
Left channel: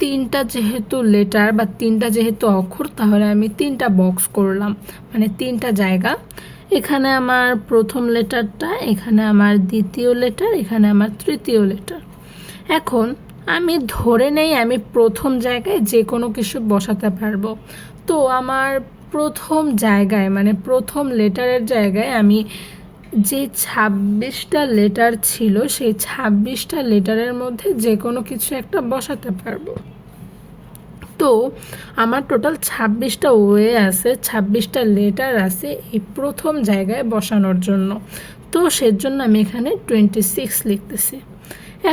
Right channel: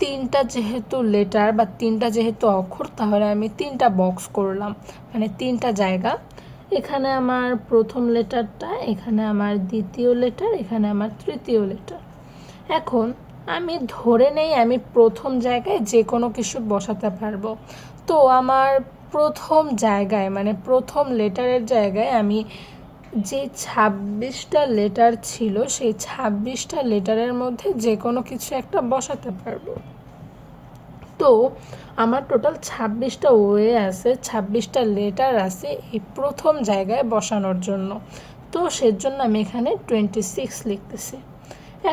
3টা যেহেতু লেটার বা 3টা যেহেতু অক্ষর, তাহলে আমি 3টা বক্স করলাম, মানে 3টা জায়গা। এখানে আমার প্রথম লেটারটা, এখানে আমার দ্বিতীয় লেটার, এখানে আমার তৃতীয় লেটার। এখন আমি ধরে নেই আমি প্রথম জায়গায় যে কোনো কিছু বসাতে পারবো। তো আমার প্রথম জায়গায়, মানে প্রথম লেটারের জায়গায় আমি যে 26টা লেটার ছিল, সেই 26টা লেটারের মধ্যে যে কোনো কিছু একটা বসাতে পারবো। আমার টোটাল 26টা ওয়ে আছে, 26টা লেটার আছে এই প্রথম জায়গায় বসানোর জন্য। তো সেজন্য আমি এখানে 26 লিখতেছি।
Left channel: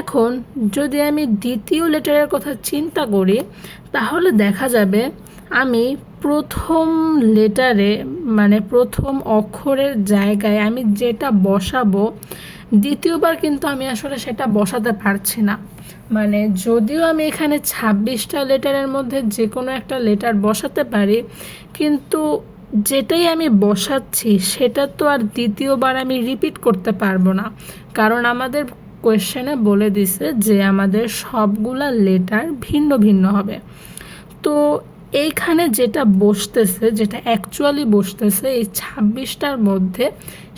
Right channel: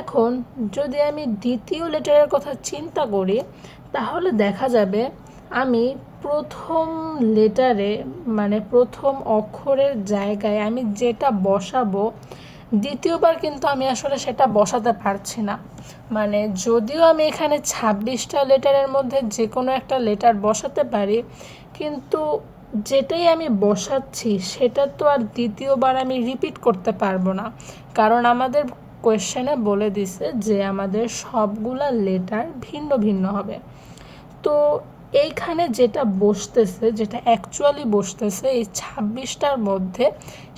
এখন যদি আমি দ্বিতীয় লেটারের কথা চিন্তা করি তাহলে দেখা যাবে আমি প্রথম লেটারে মানে প্রথম অক্ষরের জায়গায় আমি যেটা বসাবো দ্বিতীয়বার কিন্তু আমি আসলে সেটা বসাতে পারছি না। মানে যদিও আমি এখানে 26টা লেটারের মধ্যে যে কোনো একটা লেটার বসাতে পারি, কিন্তু যেটাই আমি বসাচ্ছি সেটা তো আর দ্বিতীয়বার আমি রিপিট করতে পারবো না, কারণ আমাদের কোয়েশ্চেনে বলে দিছে যে আমাদের সবগুলা লেটার ভিন্ন ভিন্ন হবে। তো এইখানে যেটা বসতেছে, যেটা অ্যাকচুয়ালি বসতেছে এই 26টার মধ্যে,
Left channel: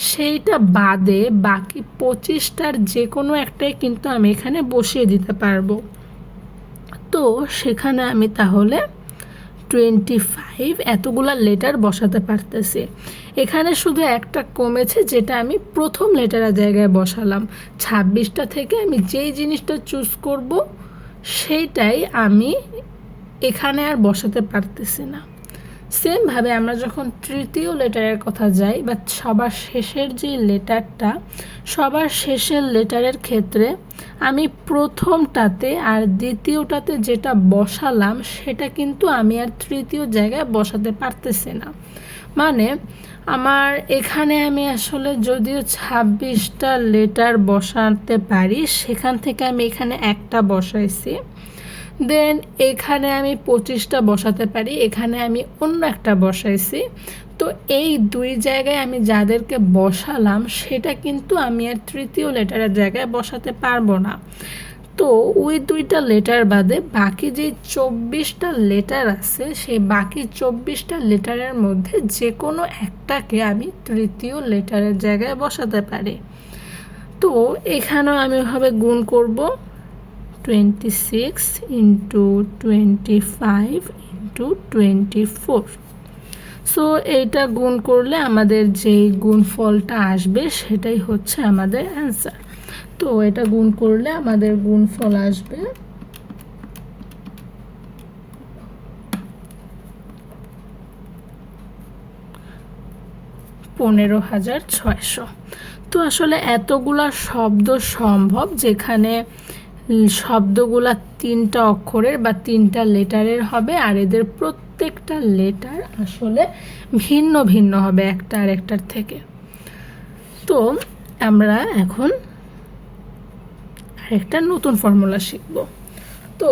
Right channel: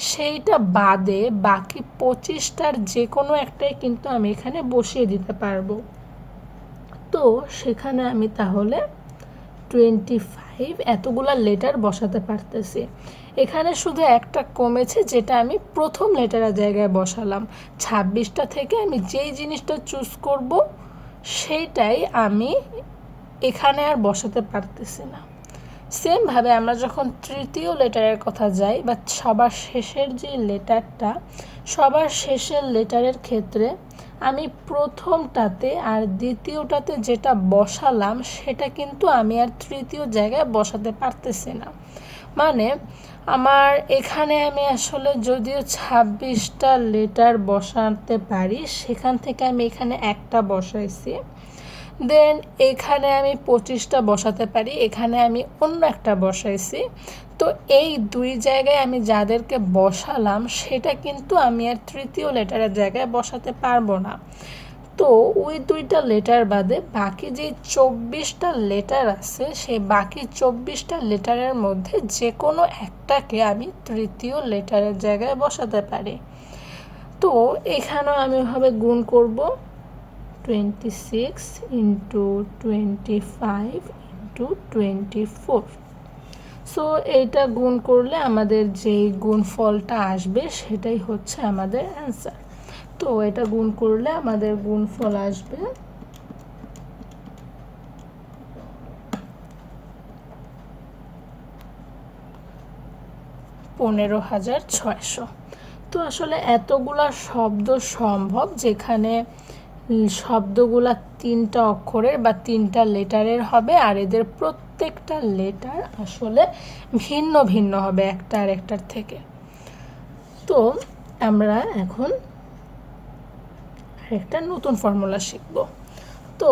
সেইটা বাদে বাকি 25টার যে কোনো একটাই কিন্তু আমি এখানে বসিয়ে দিতে পারবো। তো সেখানে আমি তাহলে 25 এতগুলা লেটার বসাতে পারতেছি। এখানে শুধু একটা কমেছে, যেটা আমি প্রথম লেটারের জায়গায় বসালাম। 26টা থেকে আমি যেই জিনিসটা চুজ করব সেইটাই আমি এখানে আর বসাতে পারতেছি না। সেমভাবে আমরা যখন তৃতীয় লেটারের কথা যাই বা সবার শেষের যে লেটারটা, সবার শেষের লেটারের ক্ষেত্রে আমি প্রথমটাতে আর দ্বিতীয়টাতে যেটা বসালাম সেটা কিন্তু আমি আর তৃতীয় জায়গায় বসাতে পারতেছি না। মানে আমার এখানে আমি আসলে যদিও 26টা লেটার বসাতে পারি, সেখান থেকে আমি এখানে একটা বসাইছি, দেন এখানে আমি 25টা বসাতে পারি, এখানে আমি অন্য একটা বসাইছি। তো এই দুই জায়গায় আমি যাদেরকে বসালাম সেটা কিন্তু আমি আর তৃতীয় লেটারের জায়গায় বসাতে পারবো না। তো ওই দুইটা লেটার বাদে বাকি যে 24টা লেটার আছে, সেই বাকি 24টা লেটারের মধ্যে যে কোনো একটাকে আমি তৃতীয় লেটারের জায়গায় বসাতে পারি। তো এখানেও আমি ওভাবে গুণ করব, 26 ইন্টু 25 ইন্টু 24। সো এইটা গুণ করলে আমাদের যেই গুণফলটা আসবে সেটাই হচ্ছে আমাদের অ্যান্সার। তো এটা গুণ করলে আমাদের গুণফল আসবে 15,600। তো আসলে এতগুলা শব্দ সম্ভব যেখানে শব্দগুলা 3টা অক্ষরের বা 3টা লেটারের হবে, আর এদের প্রত্যেকটা লেটার আসলে ভিন্ন ভিন্ন হবে একটা আরেকটার থেকে। তো আমরা এখন আরেকটা নতুন ফর্মুলা শিখব। তো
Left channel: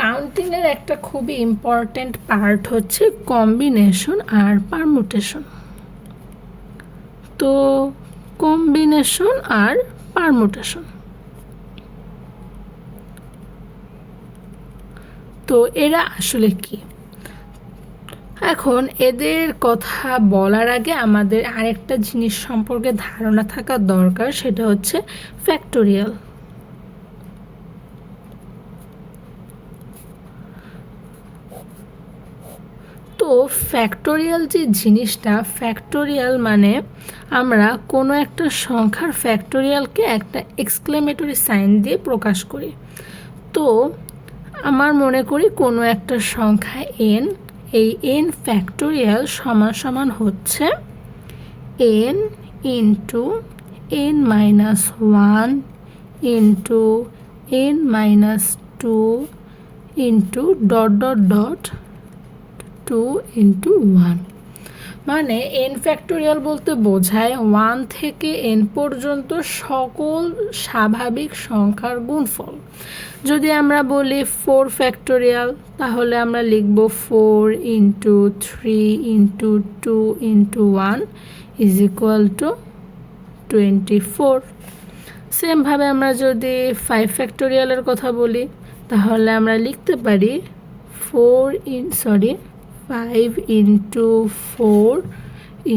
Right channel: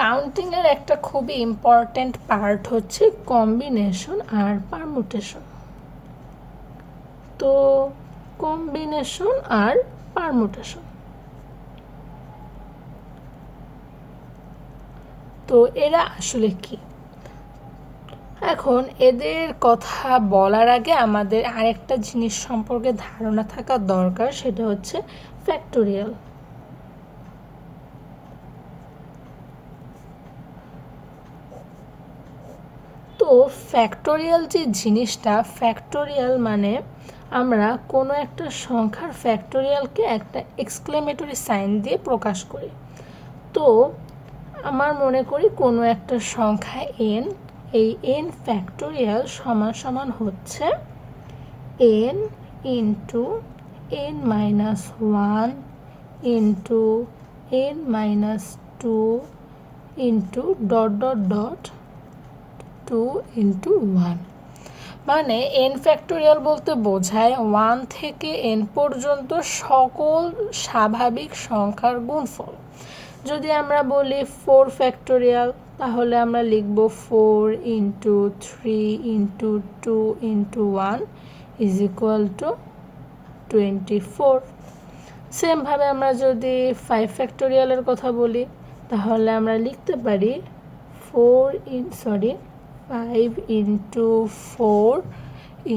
কাউন্টিংয়ের একটা খুবই ইম্পর্ট্যান্ট পার্ট হচ্ছে কম্বিনেশন আর পারমুটেশন। তো কম্বিনেশন আর পারমুটেশন, তো এরা আসলে কি? এখন এদের কথা বলার আগে আমাদের আরেকটা জিনিস সম্পর্কে ধারণা থাকা দরকার, সেটা হচ্ছে ফ্যাক্টোরিয়াল। তো ফ্যাক্টোরিয়াল যে জিনিসটা, ফ্যাক্টোরিয়াল মানে আমরা কোনো একটা সংখ্যার ফ্যাক্টোরিয়ালকে একটা এক্সক্লেমেটরি সাইন দিয়ে প্রকাশ করি। তো আমার মনে করি কোনো একটা সংখ্যা n, এই n ফ্যাক্টোরিয়াল সমান সমান হচ্ছে n into n minus 1 into n minus 2 into dot dot dot 2 into 1। মানে n ফ্যাক্টোরিয়াল বলতে বোঝায় 1 থেকে n পর্যন্ত সকল স্বাভাবিক সংখ্যার গুণফল। যদি আমরা বলি 4 ফ্যাক্টোরিয়াল, তাহলে আমরা লিখব 4 into 3 into 2 into 1 is equal to 24। সেমভাবে আমরা যদি 5 ফ্যাক্টোরিয়ালের কথা বলি, তাহলে আমরা লিখতে পারি 5 ইন্টু 4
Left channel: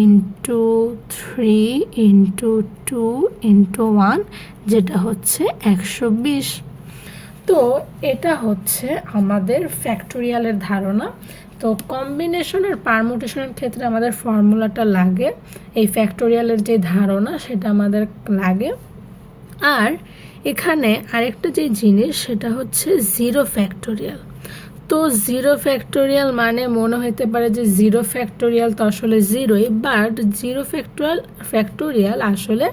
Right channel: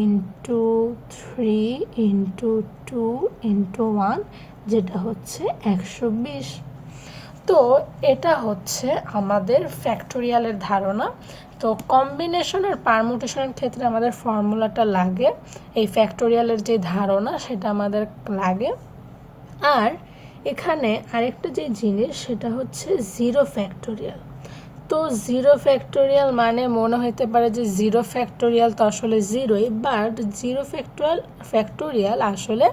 ইন্টু 3 ইন্টু 2 ইন্টু 1, যেটা হচ্ছে 120। তো এটা হচ্ছে আমাদের ফ্যাক্টোরিয়ালের ধারণা। তো কম্বিনেশন আর পারমুটেশনের ক্ষেত্রে আমাদের ফর্মুলাটা লাগে, এই ফ্যাক্টোরিয়ালের যে ধারণা সেটা আমাদের লাগে। আর এখানে আরেকটা যে জিনিস সেটা হচ্ছে 0 ফ্যাক্টোরিয়াল। তো জিরো ফ্যাক্টোরিয়াল মানে মনে হতে পারে যে জিরো ফ্যাক্টোরিয়াল তো আসলে জিরোই, বাট জিরো ফ্যাক্টোরিয়াল আসলে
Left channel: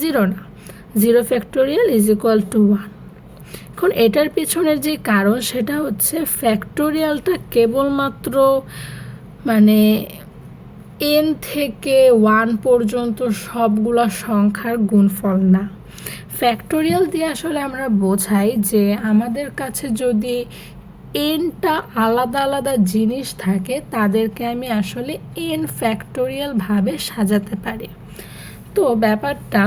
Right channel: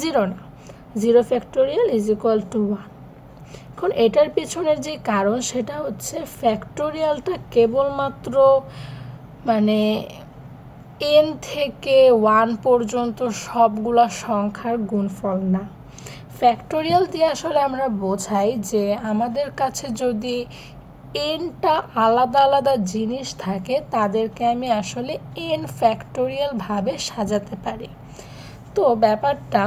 জিরো না। Zero factorial is equal to 1। এখন এটার পিছনের যে কারণ সেটা হচ্ছে ফ্যাক্টোরিয়ালটা কেবলমাত্র মানে n থেকে 1 পর্যন্ত সবগুলা সংখ্যার গুণফল না। ফ্যাক্টোরিয়াল দিয়ে আসলে আমরা বোঝাই যে আমাদের কাছে যদি nটা আলাদা আলাদা জিনিস থাকে তাদেরকে আমি আসলে n ফ্যাক্টোরিয়াল ভাবে সাজাতে পারি। তো ব্যাপারটা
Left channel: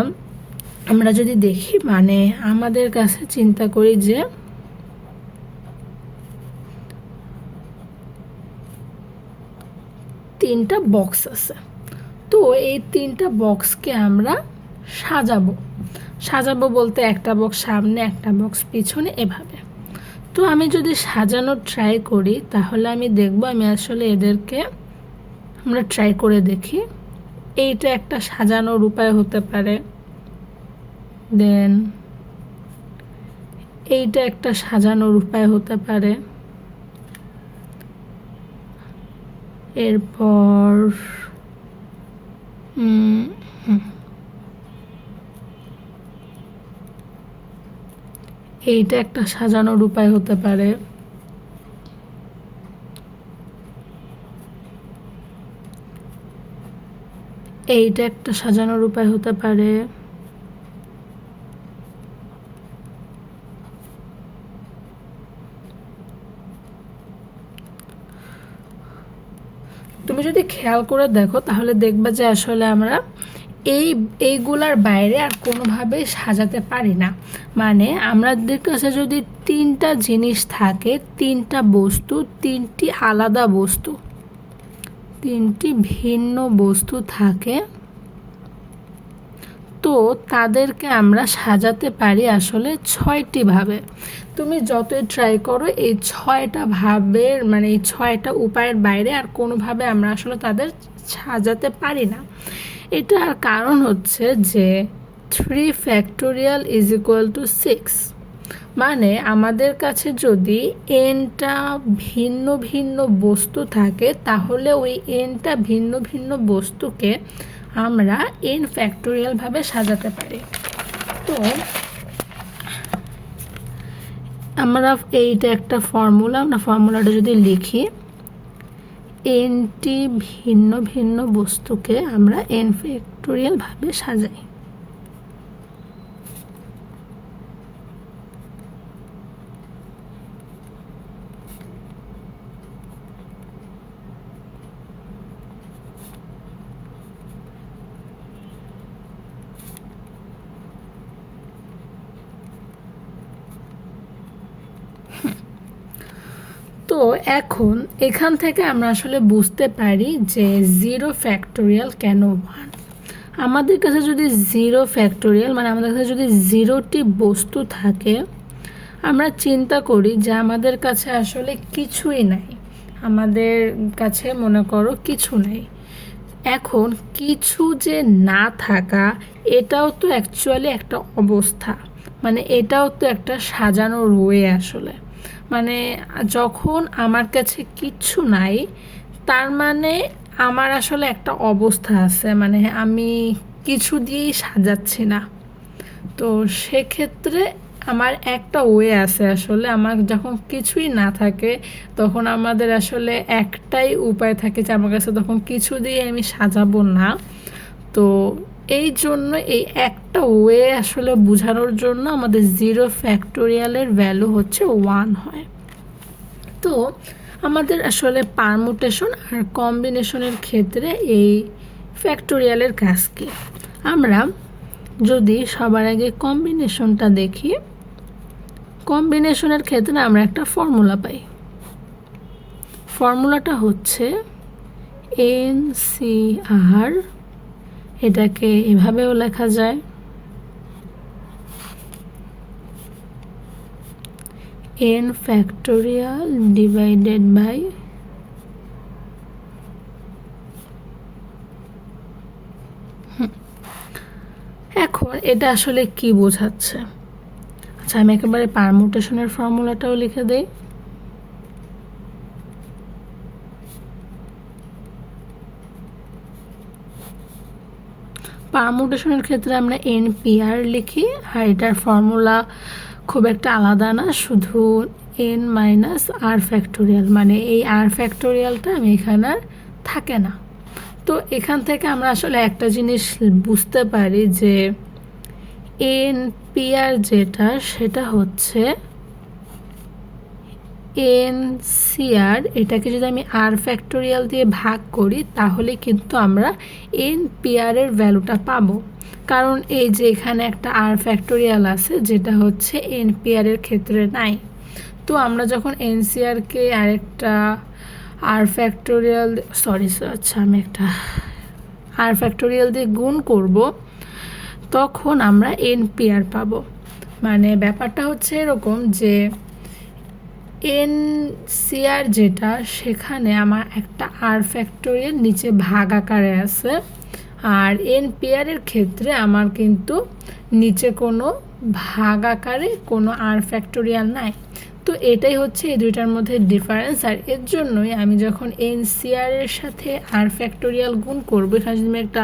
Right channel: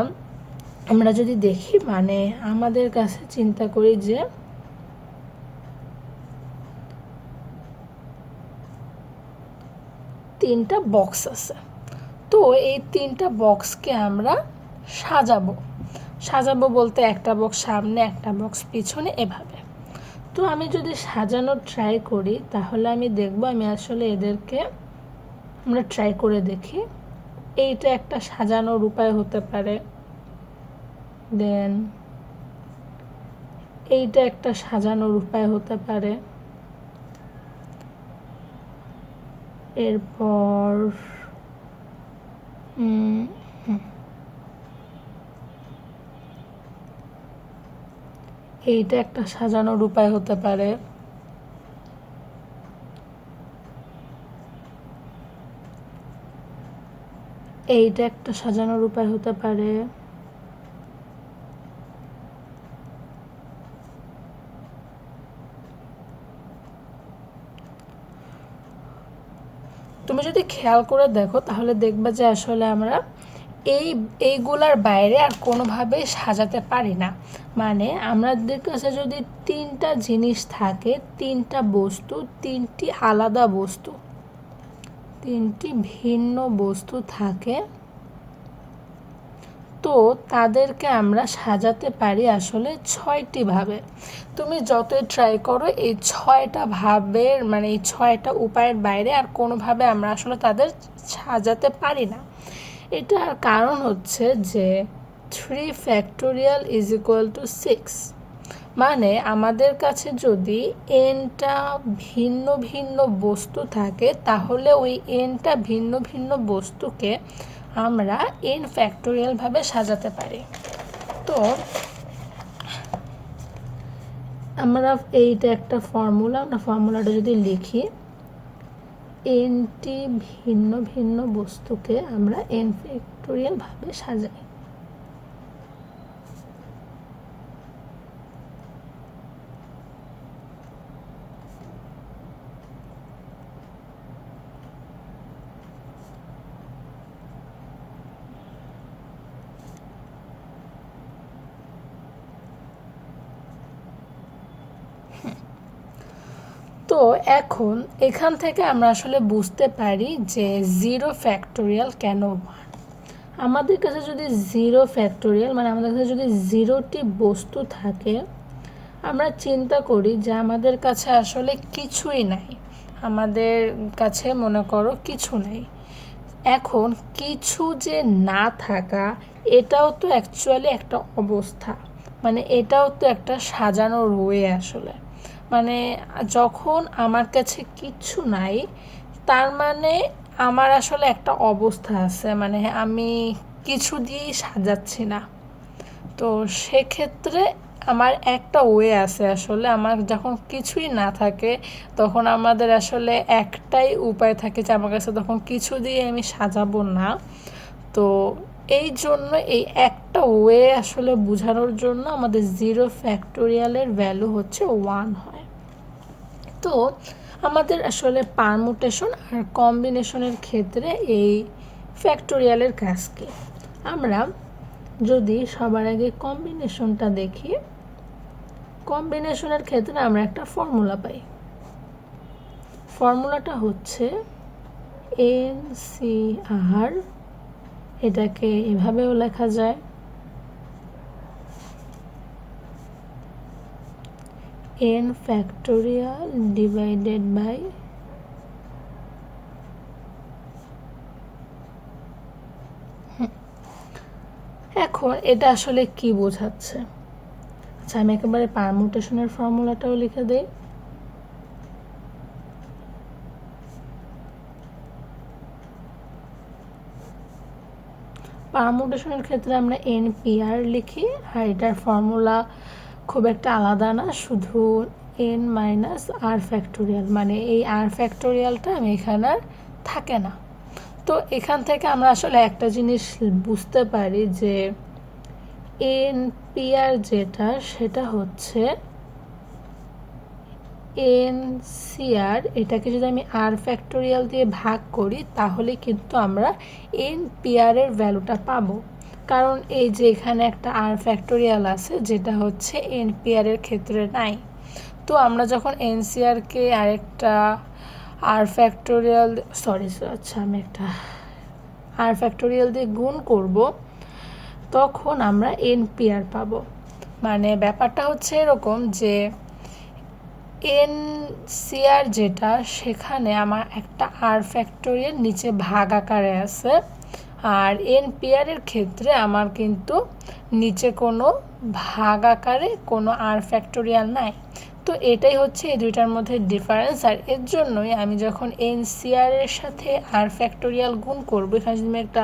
আমরা যদি দেখি, মানে আমাদের কাছে চিন্তা করি যে তিনটা বক্স আছে, তো এই তিনটা বক্সকে আমরা সাজাবো বলতে একটা বক্স সামনে একটা বক্স পিছনে এভাবে। তো আমি যদি সাজানোর ট্রাই করি তাহলে আমি দেখব আমি আসলে এদেরকে আমরা ট্রাই করে দেখি। এইটা একটা সাজানোর উপায় হতে পারে, দেন এইটা একটা সাজানোর উপায় হতে পারে, এরপর এইটা একটা সাজানোর উপায় হতে পারে, এইটা একটা সাজানোর উপায় হতে পারে, তুমি যদি খেয়াল করে দেখো তাহলে দেখবা যে আসলে আমরা এইগুলার বাইরে আর কোনোভাবেই সাজাতে পারি না। মানে আমাদের কাছে যদি তিনটা জিনিস থাকে, তিনটা বস্তু, তিনটি আলাদা বস্তু, তিনটি ভিন্ন বস্তু থাকে, তো তাদেরকে আমরা সাজাতে পারি আসলে 6টি ভাবে। তুমি যতই ট্রাই করো এই 6টা ভাবের মানে এই 6টা উপায়ের বাইরে আর কোনোভাবে আমরা আসলে তাদের সাজাতে পারি না। এটার কারণ হচ্ছে যে 3 ফ্যাক্টোরিয়াল ইজ ইকুয়াল টু 6। মানে আমাদের কাছে যদি nটা ভিন্ন ভিন্ন বস্তু থাকে তাহলে ওই nটা ভিন্ন ভিন্ন বস্তুকে আমরা n ফ্যাক্টোরিয়াল ভাবে সাজাতে পারি। তো আমরা এইটা একটা ফর্মুলা, আমরা ফর্মুলাটা যদি লিখি, nটি ভিন্ন ভিন্ন বস্তুকে আমরা n ফ্যাক্টোরিয়াল ভাবে সাজাই। তো এখন এখান থেকে আমরা আসলে বুঝতে পারি যে জিরো ফ্যাক্টোরিয়াল কেন 1। আমাদের কাছে যদি জিরো ফ্যাক্টোরিয়াল মানে আমাদের কাছে যদি 0টি বস্তু থাকে, আমরা চিন্তা করি যে আমাদের কাছে আসলে কিছুই নাই, আমাদের কাছে মনে করো কিছু নাই। এখন কিছু যে না থাকা এটাও তো অ্যাকচুয়ালি একটা অবস্থা, মানে এটাও তো একটা সাজানোর ওয়ে আসলে। মানে যখন আমার কাছে কিচ্ছু নাই তার মানে আমার আসলে একটা অবস্থা আছে, মানে আমি কিছু দিয়েই সাজাচ্ছি না। তো সেক্ষেত্রে আমার একটা ওয়ে আছে আসলে, আমার যখন কিছুই না থাকে তখন আমাদের আসলে একটাই উপায় থাকে যে আমার কাছে তখন কিছু দিয়ে আমি সাজাবো না। তো এই জন্য এই একটা ওয়ে আসলে বোঝানোর জন্য আমাদের জিরো ফ্যাক্টোরিয়ালের ভ্যালু হচ্ছে 1 হয়। তো আমাদের আসলে পারমুটেশন আর কম্বিনেশনের ক্ষেত্রে এই ফ্যাক্টোরিয়ালের কাজ কি? আমরা যদি সবার আগে কম্বিনেশনটা দেখি, কম্বিনেশনের ক্ষেত্রে আমরা একটা ফর্মুলা পাই। ফর্মুলাটা হচ্ছে NCR, এটাকে এভাবেও লেখা যায় n ফ্যাক্টোরিয়াল ডিভাইডেড বাই এখন এটা আসলে কি বোঝাচ্ছে? আচ্ছা, আমি একেবারে পারমুটেশনের ফর্মুলাটাও লিখে দেই। পারমুটেশনের ক্ষেত্রে আমরা NPR লিখি, আর এটার ফর্মুলা খুব একটা আলাদা না, শুধু n মাইনাস আর ফ্যাক্টোরিয়াল, মানে এই আর ফ্যাক্টোরিয়ালটা আমি এখানে আর থাকে না। তো এখান থেকে আমরা আসলে একটা জিনিস বুঝতে পারি যে NPR যেটা, সেটা হচ্ছে NCR, এটাকে যদি আমি আর ফ্যাক্টোরিয়াল দিয়ে ভাগ করি তাহলে কিন্তু আমরা NPR এর ভ্যালুটা পাবো, কারণ এই যে এখানে একটা আর ফ্যাক্টোরিয়াল আছে যেটা হচ্ছে NPR এর ক্ষেত্রে নাই। তো আমরা যখন NCRকে আরেকটা আর ফ্যাক্টোরিয়াল আমি একটা আর ফ্যাক্টোরিয়াল দিয়ে গুণ করব, তখন আমরা NPR পাবো। মানে ব্যাপারটা হচ্ছে এরকম যে NCR যেটা, সেখানে আমার একটা আর ফ্যাক্টোরিয়াল নিচে ভাগ আকারে আছে, আর NPR এর ক্ষেত্রে আমার কিন্তু নিচে কোনো ভাগ আকারে কোনো আর ফ্যাক্টোরিয়াল নাই। তো এটাই হচ্ছে এই দুইটার মধ্যে ডিফারেন্স, আর এর জন্যই আমি যখন NCR এর সাথে আর ফ্যাক্টোরিয়াল গুণ করব, এখানে যদি আমি একটা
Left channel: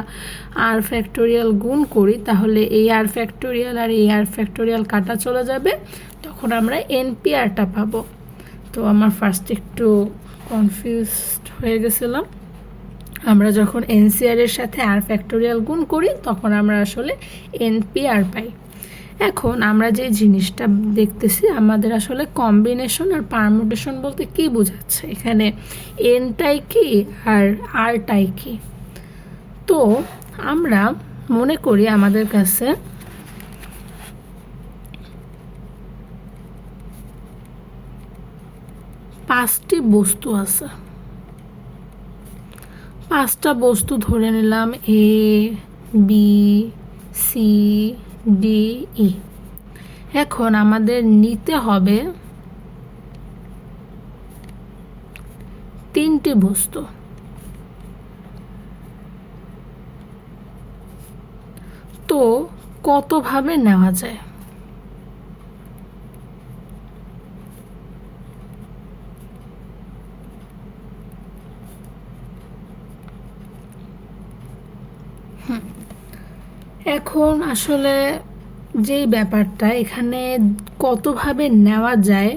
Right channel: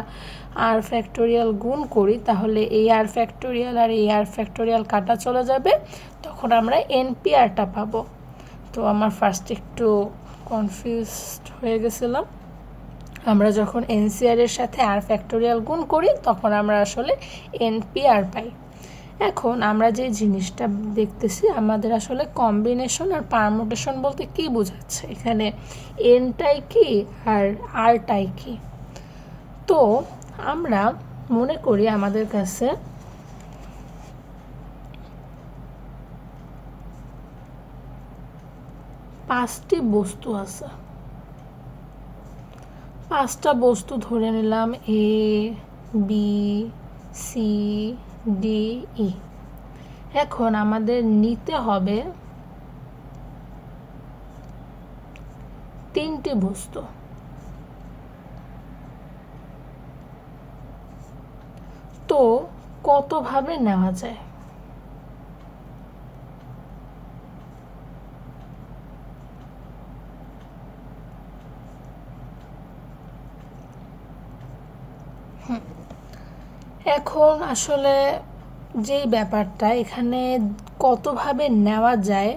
আর ফ্যাক্টোরিয়াল গুণ করি তাহলে এই আর ফ্যাক্টোরিয়াল আর এই আর ফ্যাক্টোরিয়াল কাটা চলে যাবে, তখন আমরা NPRটা পাবো। তো আমার ফার্স্ট একটু কনফিউজড হয়ে গেছিলাম। আমরা যখন NCR এর সাথে আর ফ্যাক্টোরিয়াল গুণ করি তখন আমরা আসলে NPR পাই। এখন আমরা যে জিনিসটা দেখতেছি, আমাদের আসলে কম্বিনেশন আর পারমুটেশন বলতে কি বোঝাচ্ছে, এখানে এনটাই কি আর আরটাই কি। তো আমরা মনে করি আমাদের কাছে পাঁচটি বস্তু আছে, পাঁচটা বস্তু ধরে নিলাম ABCDE। এখন আমাদের নিতে হবে তিনটি বস্তু। তো কতভাবে নেওয়া যায়? এখন আসলে যেই ব্যাপারটা এখানে কতভাবে নেওয়া যায়,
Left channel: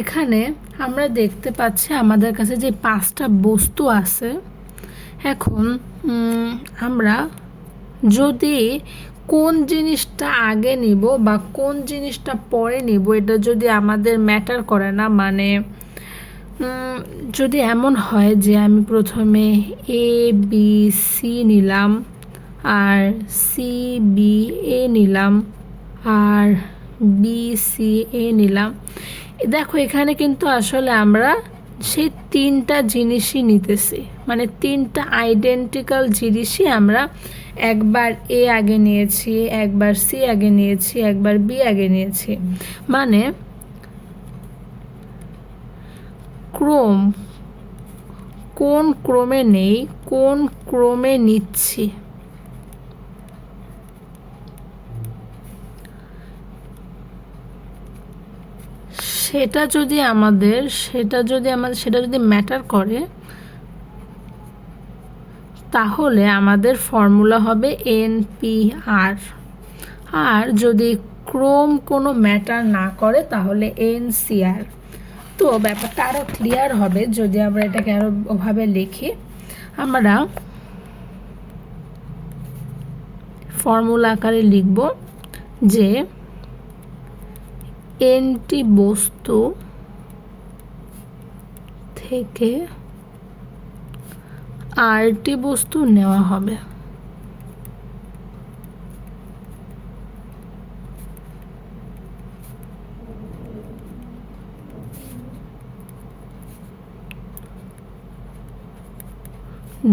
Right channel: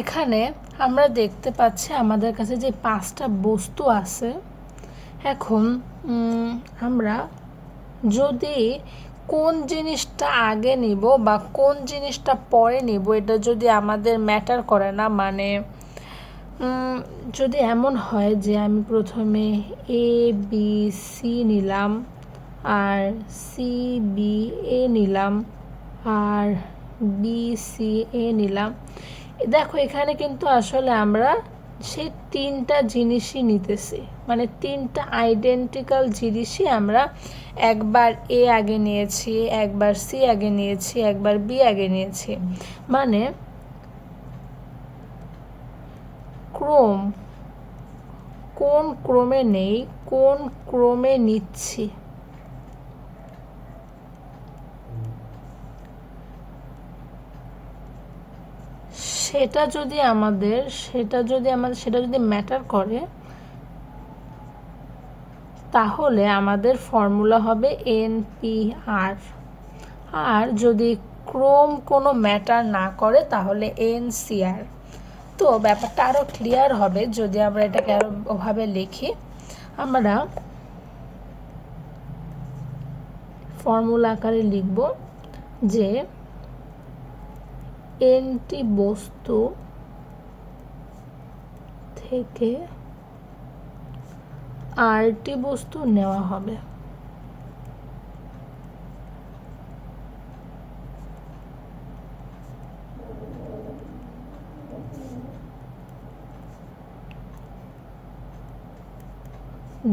এখানে আমরা দেখতে পাচ্ছি আমাদের কাছে যে পাঁচটা বস্তু আছে। এখন আমরা যদি কোন জিনিসটা আগে নিব বা কোন জিনিসটা পরে নিব, এটা যদি আমাদের ম্যাটার করে না, মানে যদি এমন হয় যে আমি প্রথমে ABC নিলাম আর CBA নিলাম আর BCA নিলাম, দেখো এখানে কিন্তু আসলে আমরা সেই তিনটা জিনিসই নিতেছি, মানে তিনটা আইডেন্টিক্যাল জিনিসই আমরা একবার A আগে নিয়েছি, একবার C আগে নিয়েছি, একবার B আগে নিয়েছি। মানে ক্রম, কোন ক্রমে নেই, কোন ক্রমে নিচ্ছি, সেটা যদি ম্যাটার করে তাহলে আমাদের ফর্মুলা হবে NPR। আর যদি ক্রম কোনো ম্যাটার না করে তাহলে NCR। তো ব্যাপারটা আরও ক্লিয়ার হবে যদি আমরা এটাকে আরও ওভাবে লিখি। আমরা ফর্মুলা আকারে লিখব যে nটি বস্তু থেকে rটি বস্তু নেওয়া হবে।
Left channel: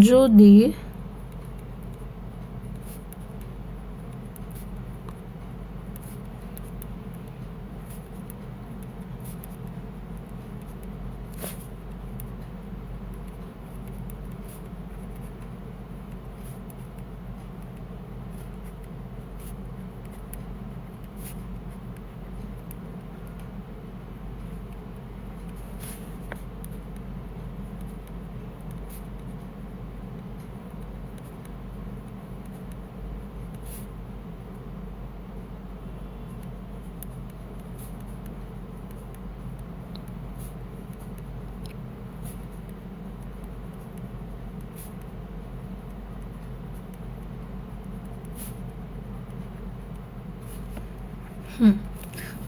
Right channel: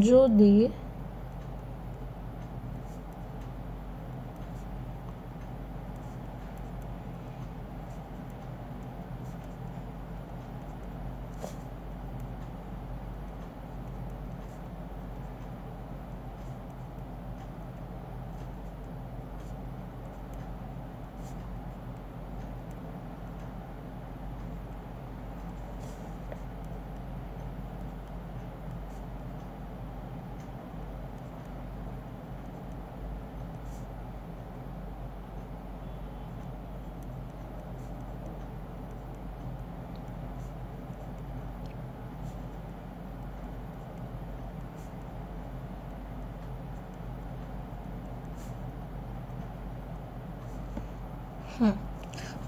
যদি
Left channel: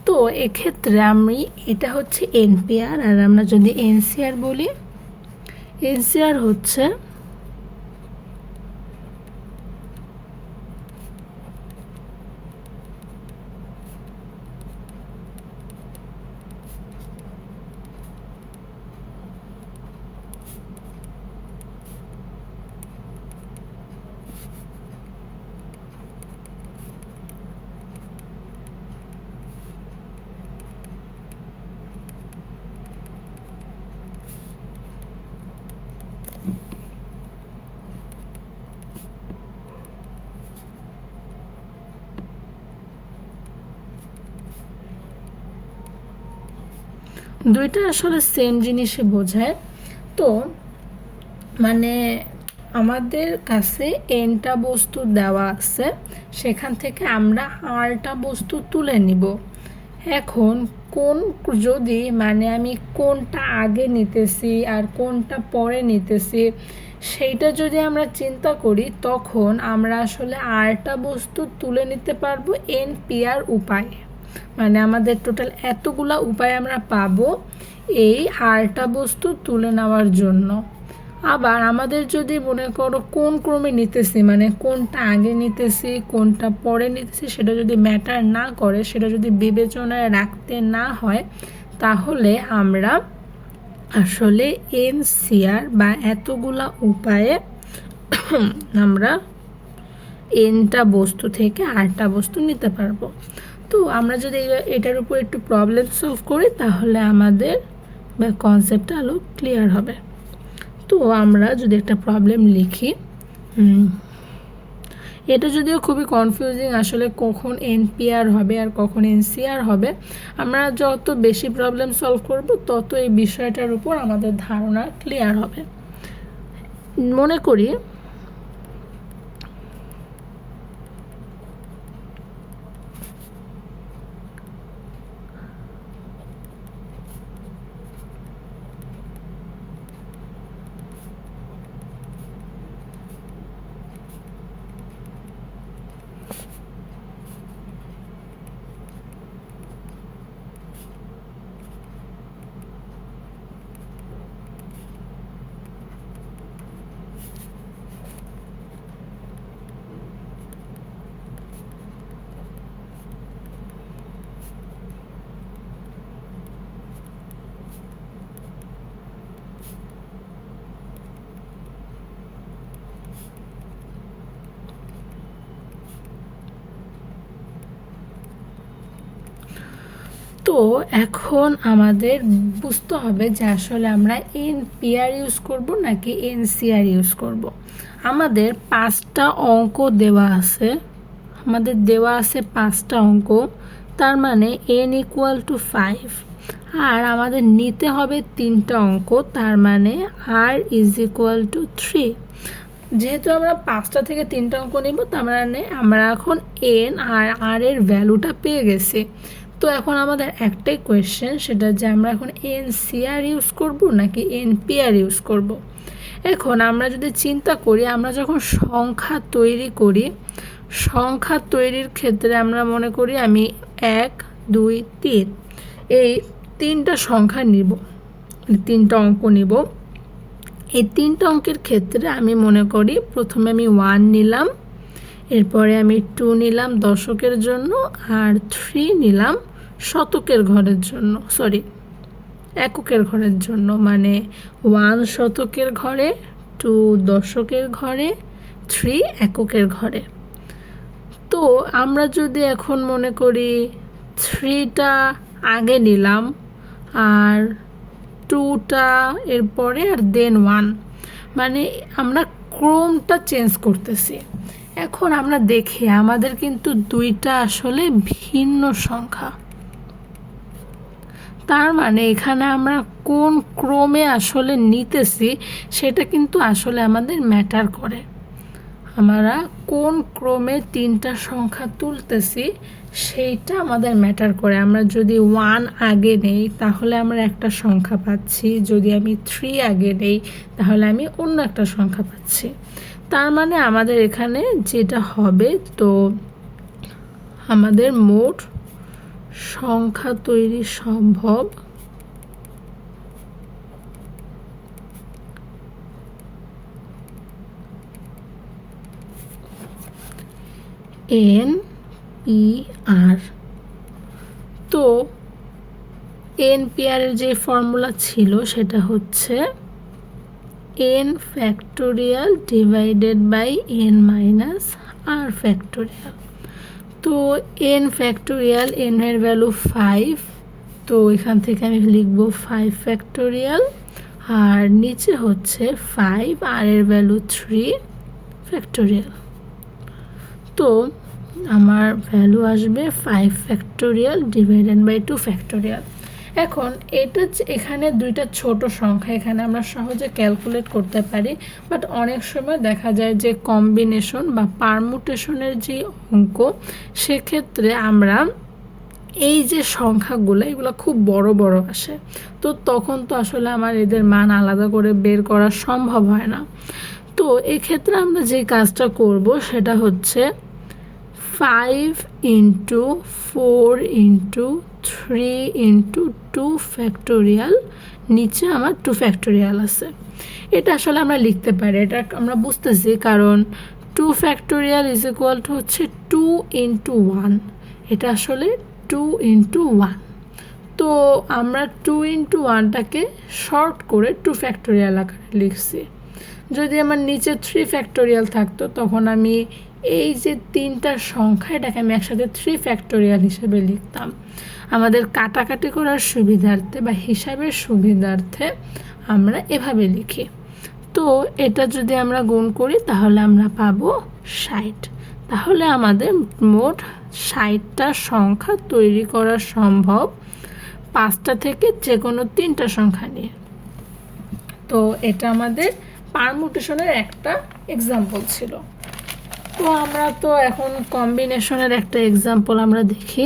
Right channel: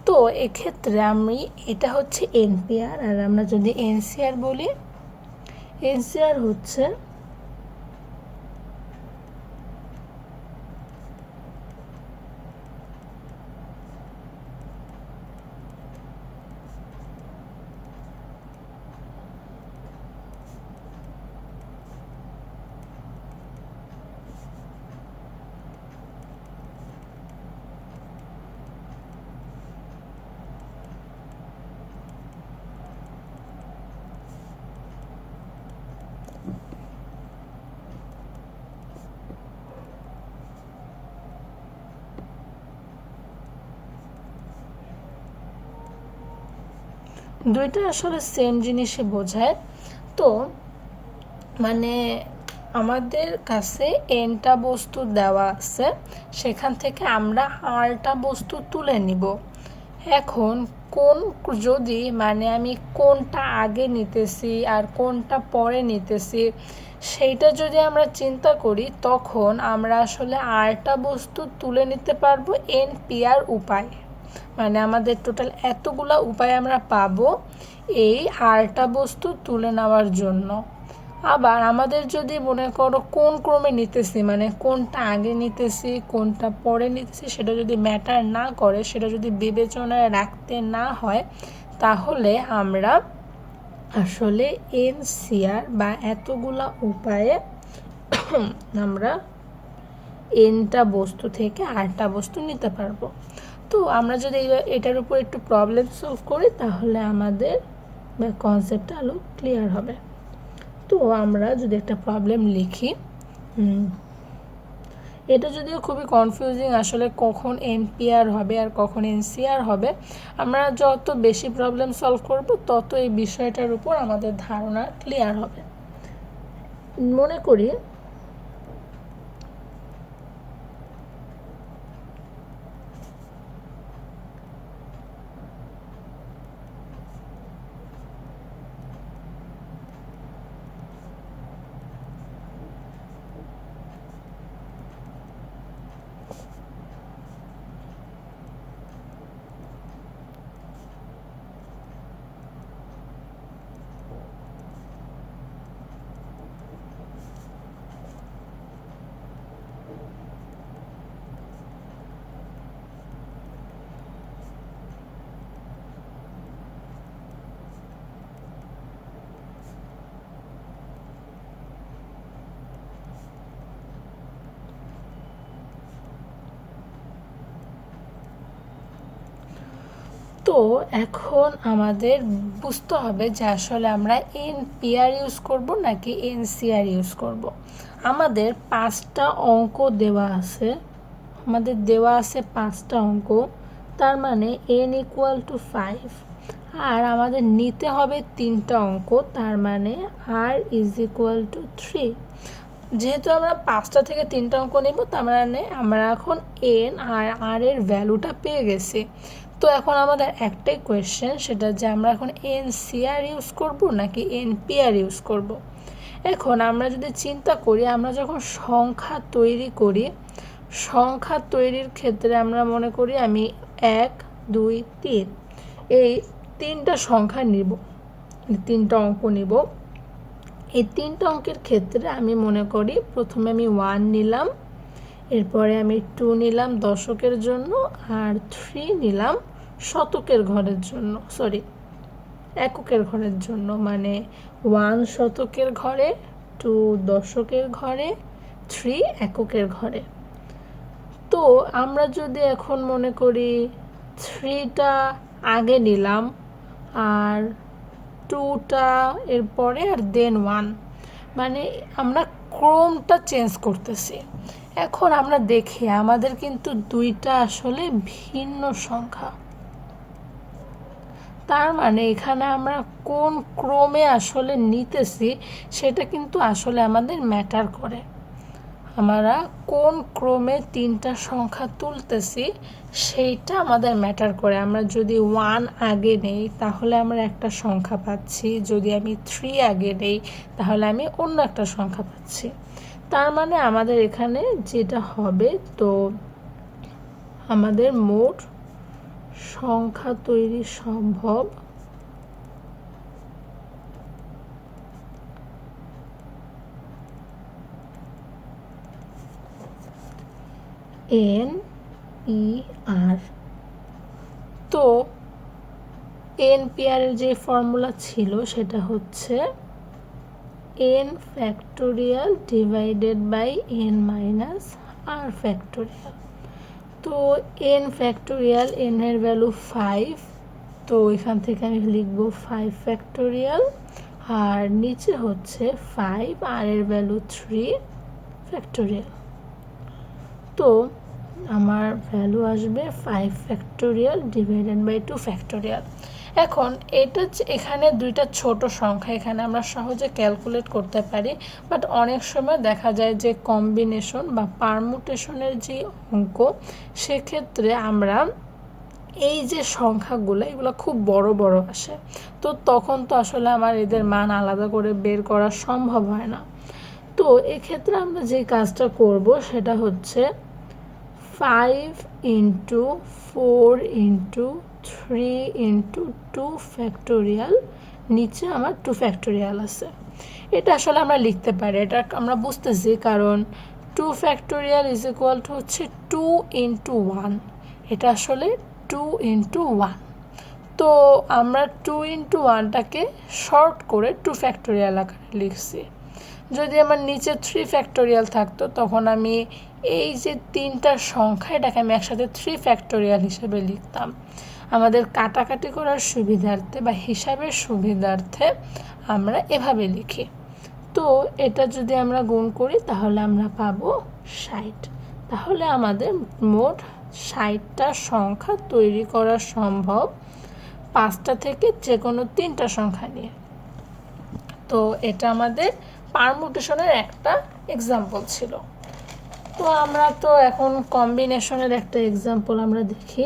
তো এক্ষেত্রে আমি এটা হচ্ছে এনপিআর, আর আমরা যদি এনসিআর বলি, এনসিআর হচ্ছে দুইটা আসলে সেম জিনিসই বোঝায়। তো মানে আমাদের কাছে এনটা বস্তু দেওয়া আছে, সেখান থেকে আমরা আরটা বস্তু তুলে নিব। এখন কোন যদি আমি কোনটা আগে নিতেছি আর কোনটা পরে নিতেছি সেইটা যদি আমরা চিন্তা করি, তখন আমরা আসলে আরটা বস্তু তুলে নিতে পারবো এনপিআর উপায়। আমাদের টোটাল এতগুলা উপায় আমরা পাবো এই আরটা বস্তু তুলে নেওয়ার জন্য। আবার আমাদের যদি মনে করো কোন ক্রমে নিতেছি, কোনটা আগে নিতেছি কোনটা পরে নিতেছি সেটা যদি ম্যাটার না করে, সেটা যদি বিবেচনায় রাখতে না হয়, তাহলে আমরা আসলে এনসিআর বা এতগুলা উপায়ে আমরা এনটা বস্তু থেকে আরটা বস্তু নিতে পারবো। তো আমরা যদি এটার উপর একটু প্রবলেম সলভ করি, তাহলে আমাদের কনসেপ্টটা আরও ক্লিয়ার হবে। তো আমরা যদি একটা প্রবলেম লিখি, এটা যদিও খুবই কনফিউজিং আসলে কখন এনপিআর হবে আর কখন এনসিআর হবে। আমরা যত বেশি প্রবলেম সলভ করব তত এই বিষয়টার উপর আমাদের ধারণা ক্লিয়ার হবে। মনে করি তো এখন আমাদের বুঝতে হবে যে আসলে আমরা এনপিআর ইউজ করব নাকি এনসিআর ইউজ করব। আমাদের 5টা অঙ্ক দেওয়া আছে, পাঁচটা অঙ্ক, তার মানে n = 5, আর আমাদের নিতে হবে 3টা অঙ্ক, তার মানে r = 3। যেহেতু আমরা 5টা থেকে 3টা অঙ্ক নেব, তার মানে আমরা এখন n আর r এর ভ্যালুটা পেয়ে গেছি। তো এখন আমাদের একটাই কোয়েশ্চেন, সেটা যে আমরা এখন এনসিআর ইউজ করব নাকি এনপিআর ইউজ করব। এখন আমরা যদি চিন্তা করি, আমরা যখন সংখ্যা তৈরি করি, সংখ্যা তৈরির ক্ষেত্রে আমরা মনে করি আমি 1 2 3 এই 3টা সংখ্যা নিব, 3টা অঙ্ক নিব। এই 3টা অঙ্কের ক্ষেত্রে আমি মনে করি প্রথমে আমি 1 নিলাম, এরপরে আমি 2 নিলাম দশকের জন্য, আর 3 নিলাম শতকের ঘরের জন্য, এককের ঘরের জন্য। 1 শতকের ঘরে, 2 দশকের ঘরে, 3 এককের ঘরে। তো আমরা যদি এখন মনে করি 3টা আগে নিলাম আর 2টা এরপরে, আর দেন 1, আমরা ক্রমটা চেঞ্জ করতেছি। এখন আমরা দেখি আমাদের কিন্তু 2টা আসলে ভিন্ন সংখ্যা, তার এখানে আমরা কোন ক্রমে আসলে নিতেছি সেটা কিন্তু আসলে আমাদের ম্যাটার করে। আমরা কোন ক্রমে 3টা সংখ্যা তুলতেছি সেইটা আমাদের ম্যাটার করে। আমরা যদি 1 আগে নেই তাহলে আমরা একটা সংখ্যা পাচ্ছি, যদি আমি 3 আগে নেই তাহলে আমি অন্য একটা সংখ্যা পাচ্ছি। তার আমাদের এখানে যেটা হবে, তো আমাদের মোট সংখ্যা তৈরি সম্ভব NPR। তো NPR এর যে ফর্মুলা ছিল সেটা হচ্ছে n factorial divided by n minus r factorial. তো n ফ্যাক্টোরিয়াল, n এর ভ্যালু 5, তো এখান থেকে আমি লিখব 5 ফ্যাক্টোরিয়াল, আর নিচে হচ্ছে 5, আর এর ভ্যালু 3 ফ্যাক্টোরিয়াল। তো আমার ভ্যালু আসবে 5 ফ্যাক্টোরিয়াল ডিভাইডেড বাই 2 ফ্যাক্টোরিয়াল। এখন এটা এখানে দুইটা ছোট সংখ্যা, এখানে আমরা সহজে ক্যালকুলেট করতে পারি, বাট অনেক সময় দেখা যায় যে কম্বিনেশন বা পারমুটেশনের যে অঙ্ক, সেক্ষেত্রে আমরা এই যে সংখ্যাগুলো এগুলো খুব বড় বড় আসে, তো তখন তো আসলে আমার এদের মান আলাদা করে বের করা সম্ভব হয় না। তো এক্ষেত্রে আমরা যে কাজটা করব সেটা হচ্ছে 5 ইন্টু 4 ইন্টু 3 ইন্টু 2 ফ্যাক্টোরিয়াল, নিচে আমার 2 ফ্যাক্টোরিয়াল আছে। এটা আসলে আমরা লিখতে পারি, এটা আমরা বুঝতেছি, কারণ 2 ফ্যাক্টোরিয়াল ইজ ইকুয়াল টু হচ্ছে 2 ইন্টু 1, এটা আসলে 2 ইন্টু 1। তো আমরা 2 ইন্টু 1টাকে শর্ট করে 2 ফ্যাক্টোরিয়াল আকারে লিখছি। যদি আমার নিচে 3 ফ্যাক্টোরিয়াল থাকতো তখন আমি এই যে তিনটা সংখ্যা এটাকে আমি একসাথে 3 ফ্যাক্টোরিয়াল হিসেবে লিখতাম। আমাদের কাটাকাটি করার সুবিধার্থে বা হিসাবের সুবিধার্থে আমরা এভাবে লিখি। তো এটা যদি আমরা গুণ করি তাহলে আমরা পাবো 60। তাহলে আমাদের মোট 60টা সংখ্যা তৈরি করা সম্ভব 5টা থেকে যে কোনো 3টা সংখ্যা নিয়ে। তো এটা আমাদের পারমুটেশনের একটা এক্সাম্পল ছিল। তো আমরা তো এখন কম্বিনেশনের একটা এক্সাম্পল আমরা দেখি।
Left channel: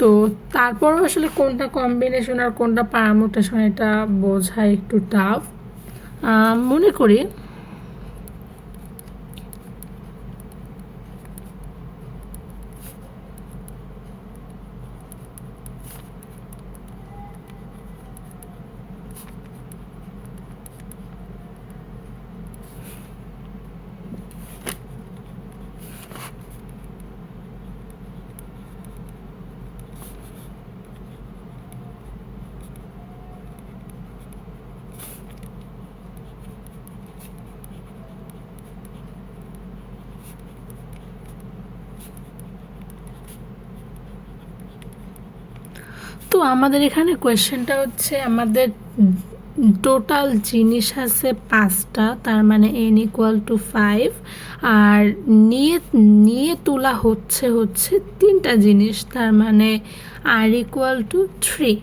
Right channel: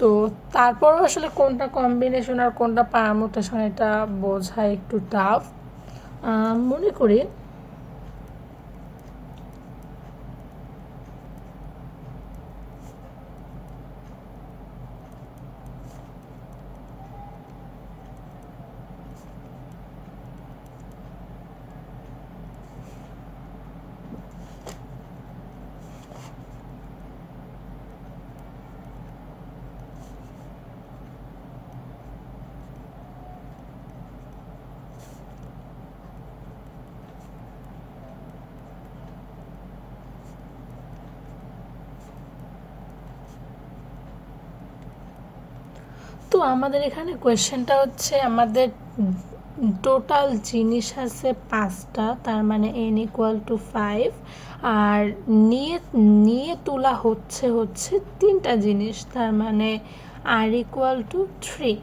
তো তারপরও আসলে কোনটা কম্বিনেশন আর কোনটা পারমুটেশন এটা বোঝা একটু টাফ। মনে করি তো আমাদের এখানে কোয়েশ্চেনটা হচ্ছে আমাদের টোটাল জিনিস আছে 5টা, তার মানে n ইকুয়াল টু 5, আর নিয়ে তোলা হচ্ছে 3টা জিনিস, তার মানে r ইকুয়াল টু 3।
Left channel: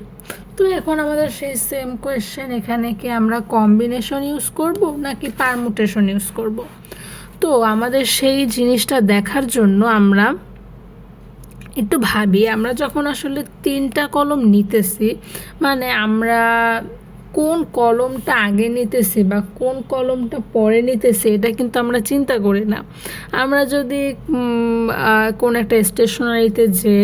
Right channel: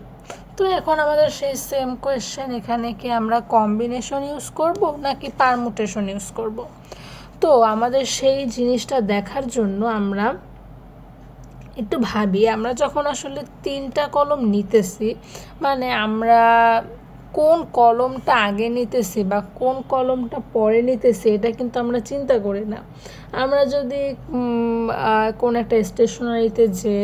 তো এখন আমাদের সেই সেম কোয়েশ্চেন, এখানে কি আমরা কম্বিনেশন ইউজ করব নাকি পারমুটেশন ইউজ করব? তো আমাদের সেই জিনিসটা দেখার জন্য আমরা একটু ভাবি, আমরা যখন আসলে 3টা কলম নিতেছি, মানে আমরা কোন কলমটা আগে নিতেছি বা কোন কলমটা পরে নিতেছি এটা কিন্তু আমরা চিন্তা করি না। আমরা যদি কোন একটা স্টেশনারিতে যে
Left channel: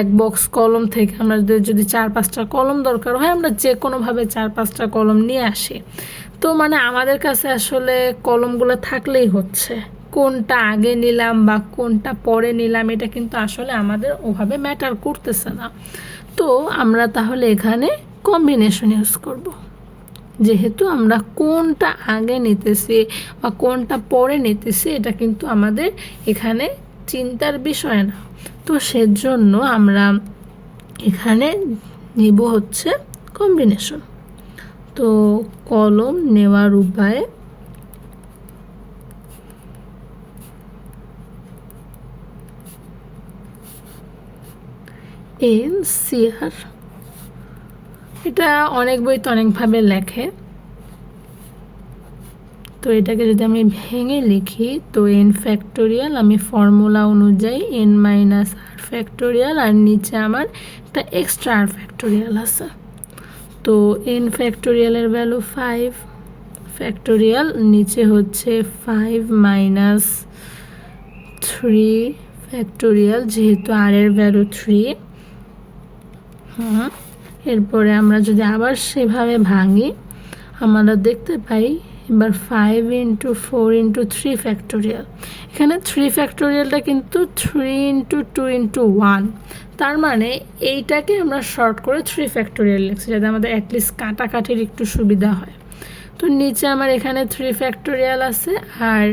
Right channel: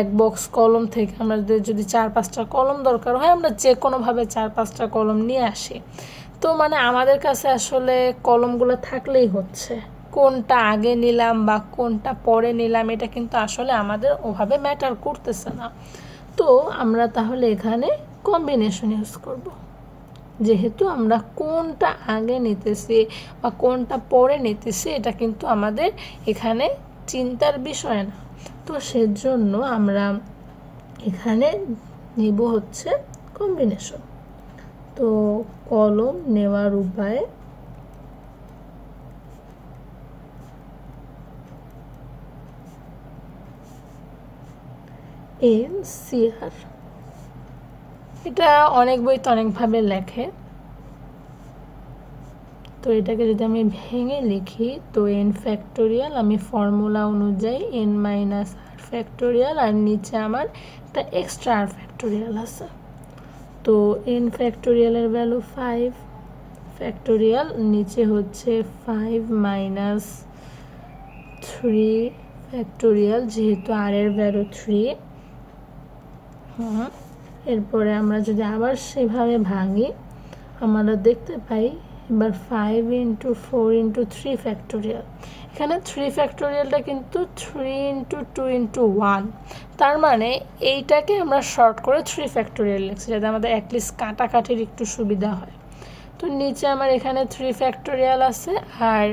এক বক্স কলম থেকে আমাদের যদি 4-5টা কলম দরকার হয়, আমরা যে কোনোভাবে 4-5টা কলম নিয়ে আসি। তো মানে আমাদের কাছে আসলে কলমগুলো থাকলেই হচ্ছে, কোনটা আগে নিলাম বা কোনটা পরে নিলাম এটা কিন্তু আসলে আমাদের ওভাবে ম্যাটার করতেছে না। তো আমরা তাহলে এখানে কম্বিনেশন ইউজ করব, যেহেতু আমরা কোনটা আগে নিতেছি বা কোনটা পরে নিতেছি এটা কিন্তু আমাদের এখানে চিন্তার বিষয় না। তো সেজন্য আমরা এখানে নিব হচ্ছে কম্বিনেশন। তো কলম নেওয়ার উপায়, NCR, এটা অনেক বইতে অনেকভাবে লেখে। তো এটাকে যদি আমি ভেঙে লিখি, তো n ফ্যাক্টোরিয়াল, আমি ফর্মুলা অনুযায়ী n মাইনাস r ফ্যাক্টোরিয়াল, আর নিচে আমার একটা এক্সট্রা r ফ্যাক্টোরিয়াল আছে। তো n ফ্যাক্টোরিয়ালের ভ্যালু 5 ফ্যাক্টোরিয়াল, নিচে হচ্ছে 5 মাইনাস 3 ফ্যাক্টোরিয়াল, যেহেতু আর এর ভ্যালু 3। এরপরে আমরা যদি আবার সেভাবে ভাঙি, আমরা দেখতে পাই এবার 5 ইন্টু 4 ইন্টু 3 ফ্যাক্টোরিয়াল। এখানে 3 ফ্যাক্টোরিয়ালটা কিন্তু 3 ইন্টু 2 ইন্টু 1, তার মানে এইটাকে আমরা শর্ট করে 3 ফ্যাক্টোরিয়াল লিখছি, যাতে আমাদের অ্যাটলিস্ট কাটাকাটির একটু সুবিধা হয়। তো নিচে আমার এখানে 3 ফ্যাক্টোরিয়াল আছে, আর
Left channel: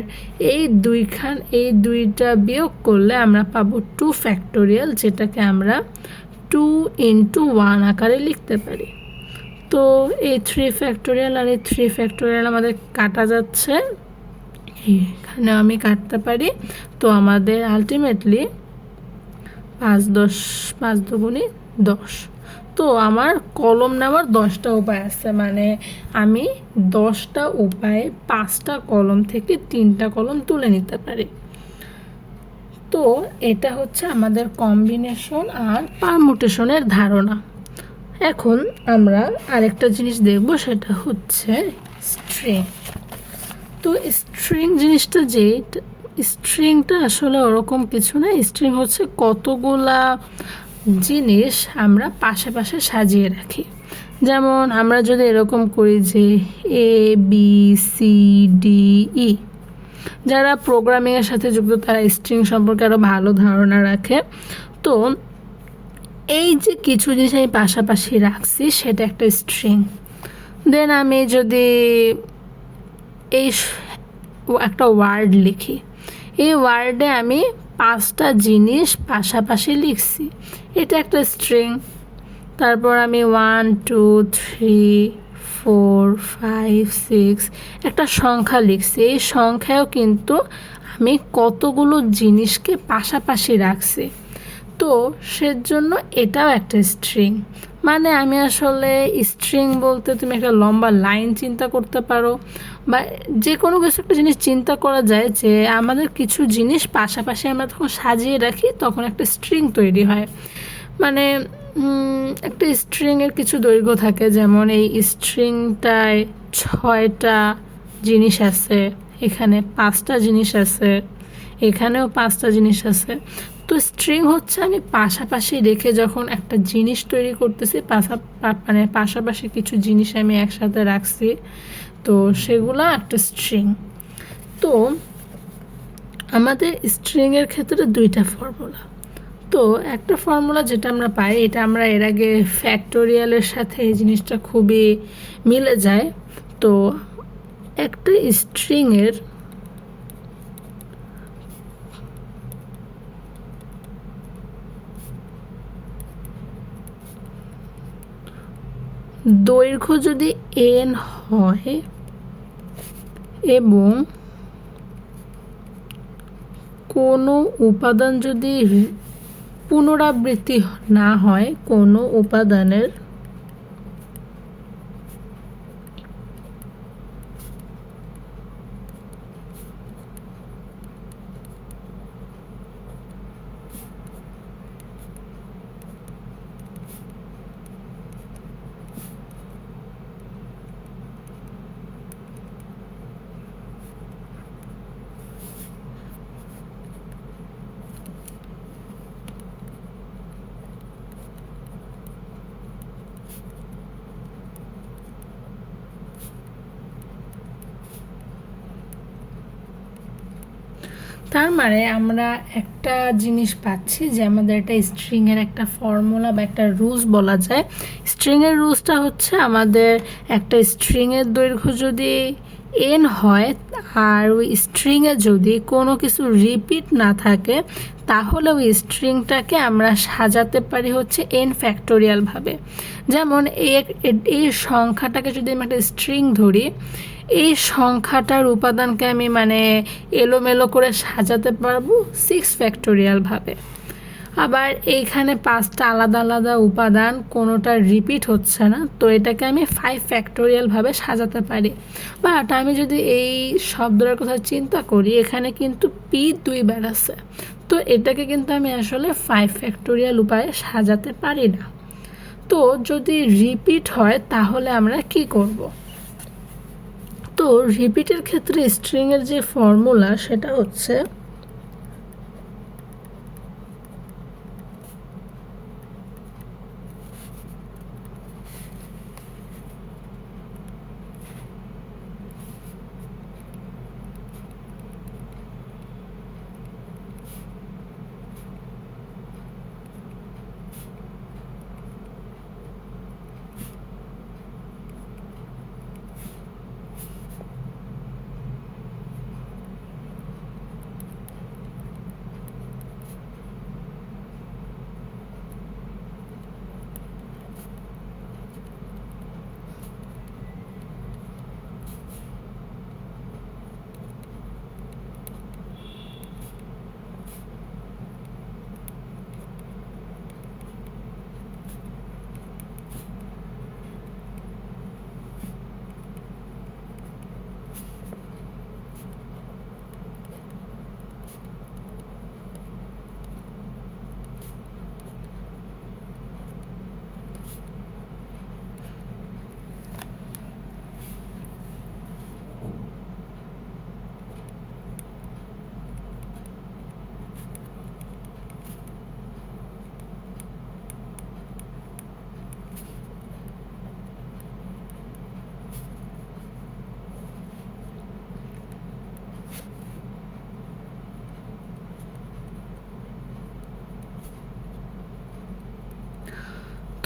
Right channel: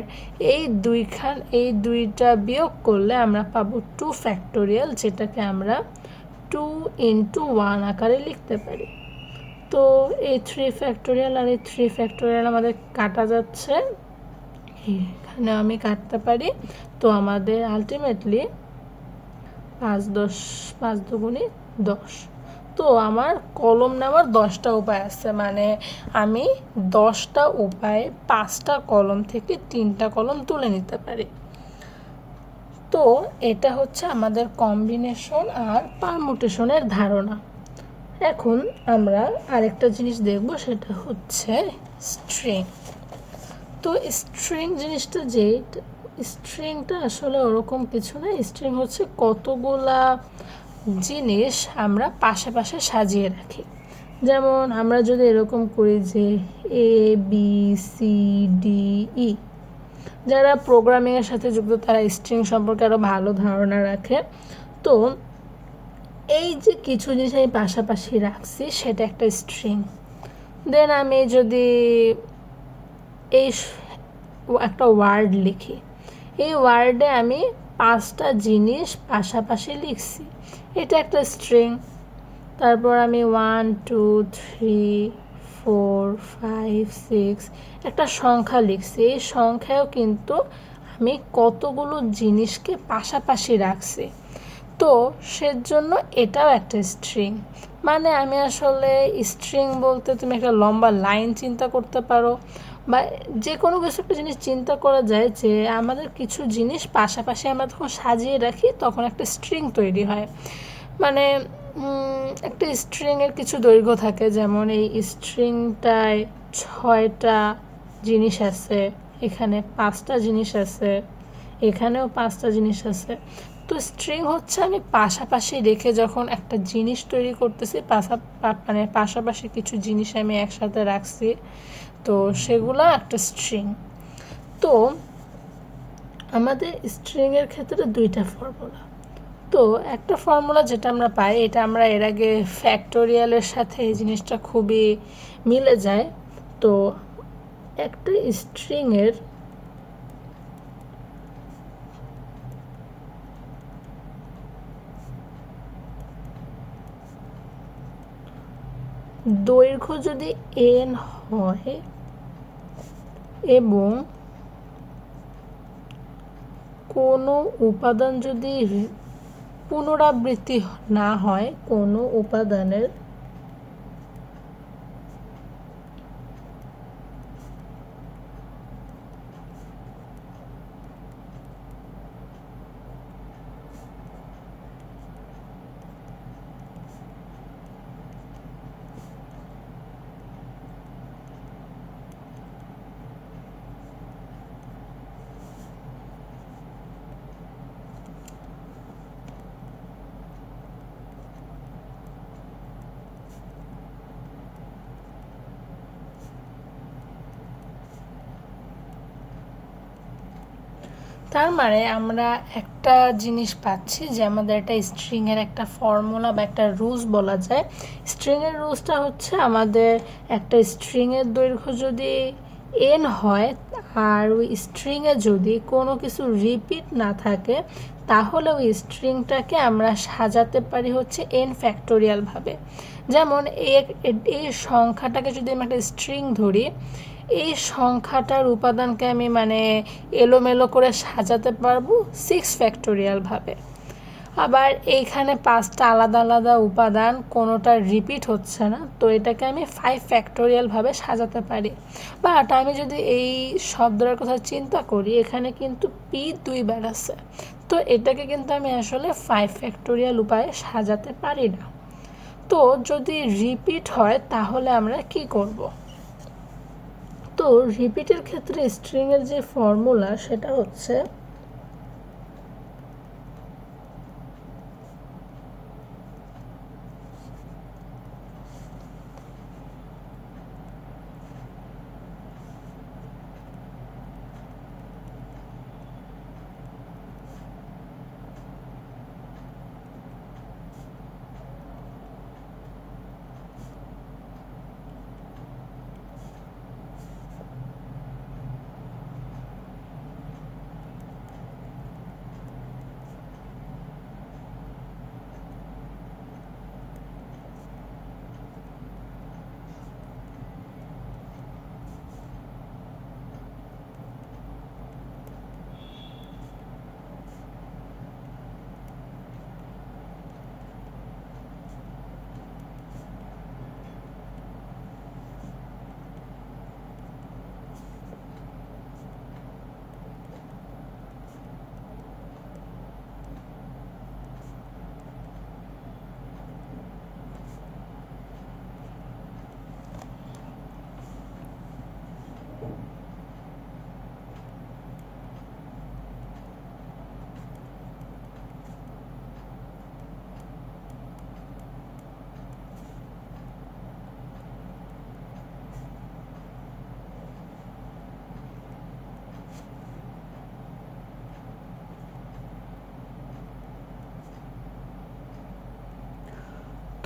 এই দুইটা বিয়োগ করলে আমরা পাবো 2 ফ্যাক্টোরিয়াল, যেটাকে আমরা 2 ইন্টু 1 আকারে লিখতে পারি। তো এই 3 ফ্যাক্টোরিয়াল আর এই 3 ফ্যাক্টোরিয়াল আমাদের কাটা যাচ্ছে, এখানে আমি কাটতে পারি। তো আমাদের আলটিমেটলি 5 দুগুণে 10। তো আমার কলম নেওয়ার 10টা উপায় আছে, মানে আমি 10টা উপায়ে 5টা কলম থেকে 3টা কলম তুলে নিতে পারি। তো এটা হচ্ছে আমাদের কম্বিনেশন আর পারমুটেশনের ধারণা। এখন আমরা আরেকটা জিনিস দেখব, সেটা হচ্ছে স্ট্রিং। তো স্ট্রিং জিনিসটা, স্ট্রিংটা আসলে ওরকম কিছু না। স্ট্রিং হচ্ছে কতগুলা জিনিস আমরা পাশে পাশে সাজিয়ে রাখি। যেমন আমরা যদি এরকম করি যে ABCDE, যারা প্রোগ্রামিংয়ের সাথে যুক্ত তারা স্ট্রিং সম্পর্কে আরও ভালো ধারণা রাখে। তো এই যে কিছু জিনিস আমি পাশাপাশি রাখছি, সেটা একটা স্ট্রিং। দেন আমি যদি এই একটা ওয়ার্ড লিখি, এই ওয়ার্ডে আমি 5টা জিনিস পাশাপাশি লিখছি, এটা একটা স্ট্রিং। তারপর আমি 1 2 3 4 5 6 একটা সংখ্যা লিখছি, এই সংখ্যাও কিন্তু আমি কতগুলো জিনিসকে পাশাপাশি রাখছি। তো সেজন্য এটাও একটা স্ট্রিং। মানে আমি আসলে স্ট্রিং বলতে তুমি একটা লম্বা লাইন চিন্তা করতে পারো, বা যে কোনো কিছু একটা জিনিস চিন্তা করা যায় যে আমাদের কিছু জিনিস পাশাপাশি আমরা যখন সাজিয়ে রাখি তখন একটা স্ট্রিং তৈরি হয়। মানে একটা স্ট্রিংয়ের কিছু দৈর্ঘ্য থাকে, যেমন এই স্ট্রিংটায় 6টা জিনিস আছে, এখানে 5টা জিনিস আছে, এখানেও 5টা জিনিস আছে। তো স্ট্রিং হচ্ছে আমি পাশাপাশি রেখে যখন একটা জিনিস তৈরি করতেছি, মানে পাশাপাশি কিছু জিনিস আমি একসাথে রাখছি, তো সেগুলো একটা স্ট্রিং। তো আমাদের স্ট্রিংয়ের ক্ষেত্রে 2টা ফর্মুলা। তো একটা ফর্মুলা যেটা আমরা পাই, এটা আমরা এর আগে ফ্যাক্টোরিয়ালের সাথে এই জিনিসটা খুবই মিলে যায়। তো একটা স্ট্রিংয়ের দৈর্ঘ্য যদি n হয় এবং কোনো উপাদান যদি পুনরাবৃত্তি না হয়, কোনো উপাদানের তার মানে আমরা একটা জিনিস পাচ্ছি যে আমাদের একটা স্ট্রিংয়ের একটা ফর্মুলা বা একটা রুলস বলা যায়। স্ট্রিংয়ের রুলসটা হচ্ছে আমাদের একটা স্ট্রিংয়ের দৈর্ঘ্য যদি n হয় আর ওই স্ট্রিংয়ে যদি কোনো কিছু রিপিট না থাকে, তাহলে ওই স্ট্রিংটাকে আমরা সাজাতে পারি হচ্ছে n ফ্যাক্টোরিয়ালভাবে। যেমন এই সংখ্যাটাকে যদি আমি একটা স্ট্রিং ধরি, এই সংখ্যাটার উপাদানকে আমি মানে এলোমেলো করে সাজাতে পারবো 6 ফ্যাক্টোরিয়ালভাবে। আবার এইখানে 5টা আলাদা আলাদা উপাদান, কোনোটা রিপিট হচ্ছে না, তো এটাকে আমি 5 ফ্যাক্টোরিয়ালভাবে সাজাতে পারি। বাট আমি যদি এই শব্দটার কথা চিন্তা করি, এখানে কিন্তু p 2বার আছে, তো এটাকে কিন্তু আমি আসলে 5 ফ্যাক্টোরিয়াল উপায়ে সাজাতে পারি না। তো যদি রিপিট হয় তাহলে আমরা কি করব? তো রিপিটের ক্ষেত্রে স্ট্রিংয়ের যে ফর্মুলা, সেটা হচ্ছে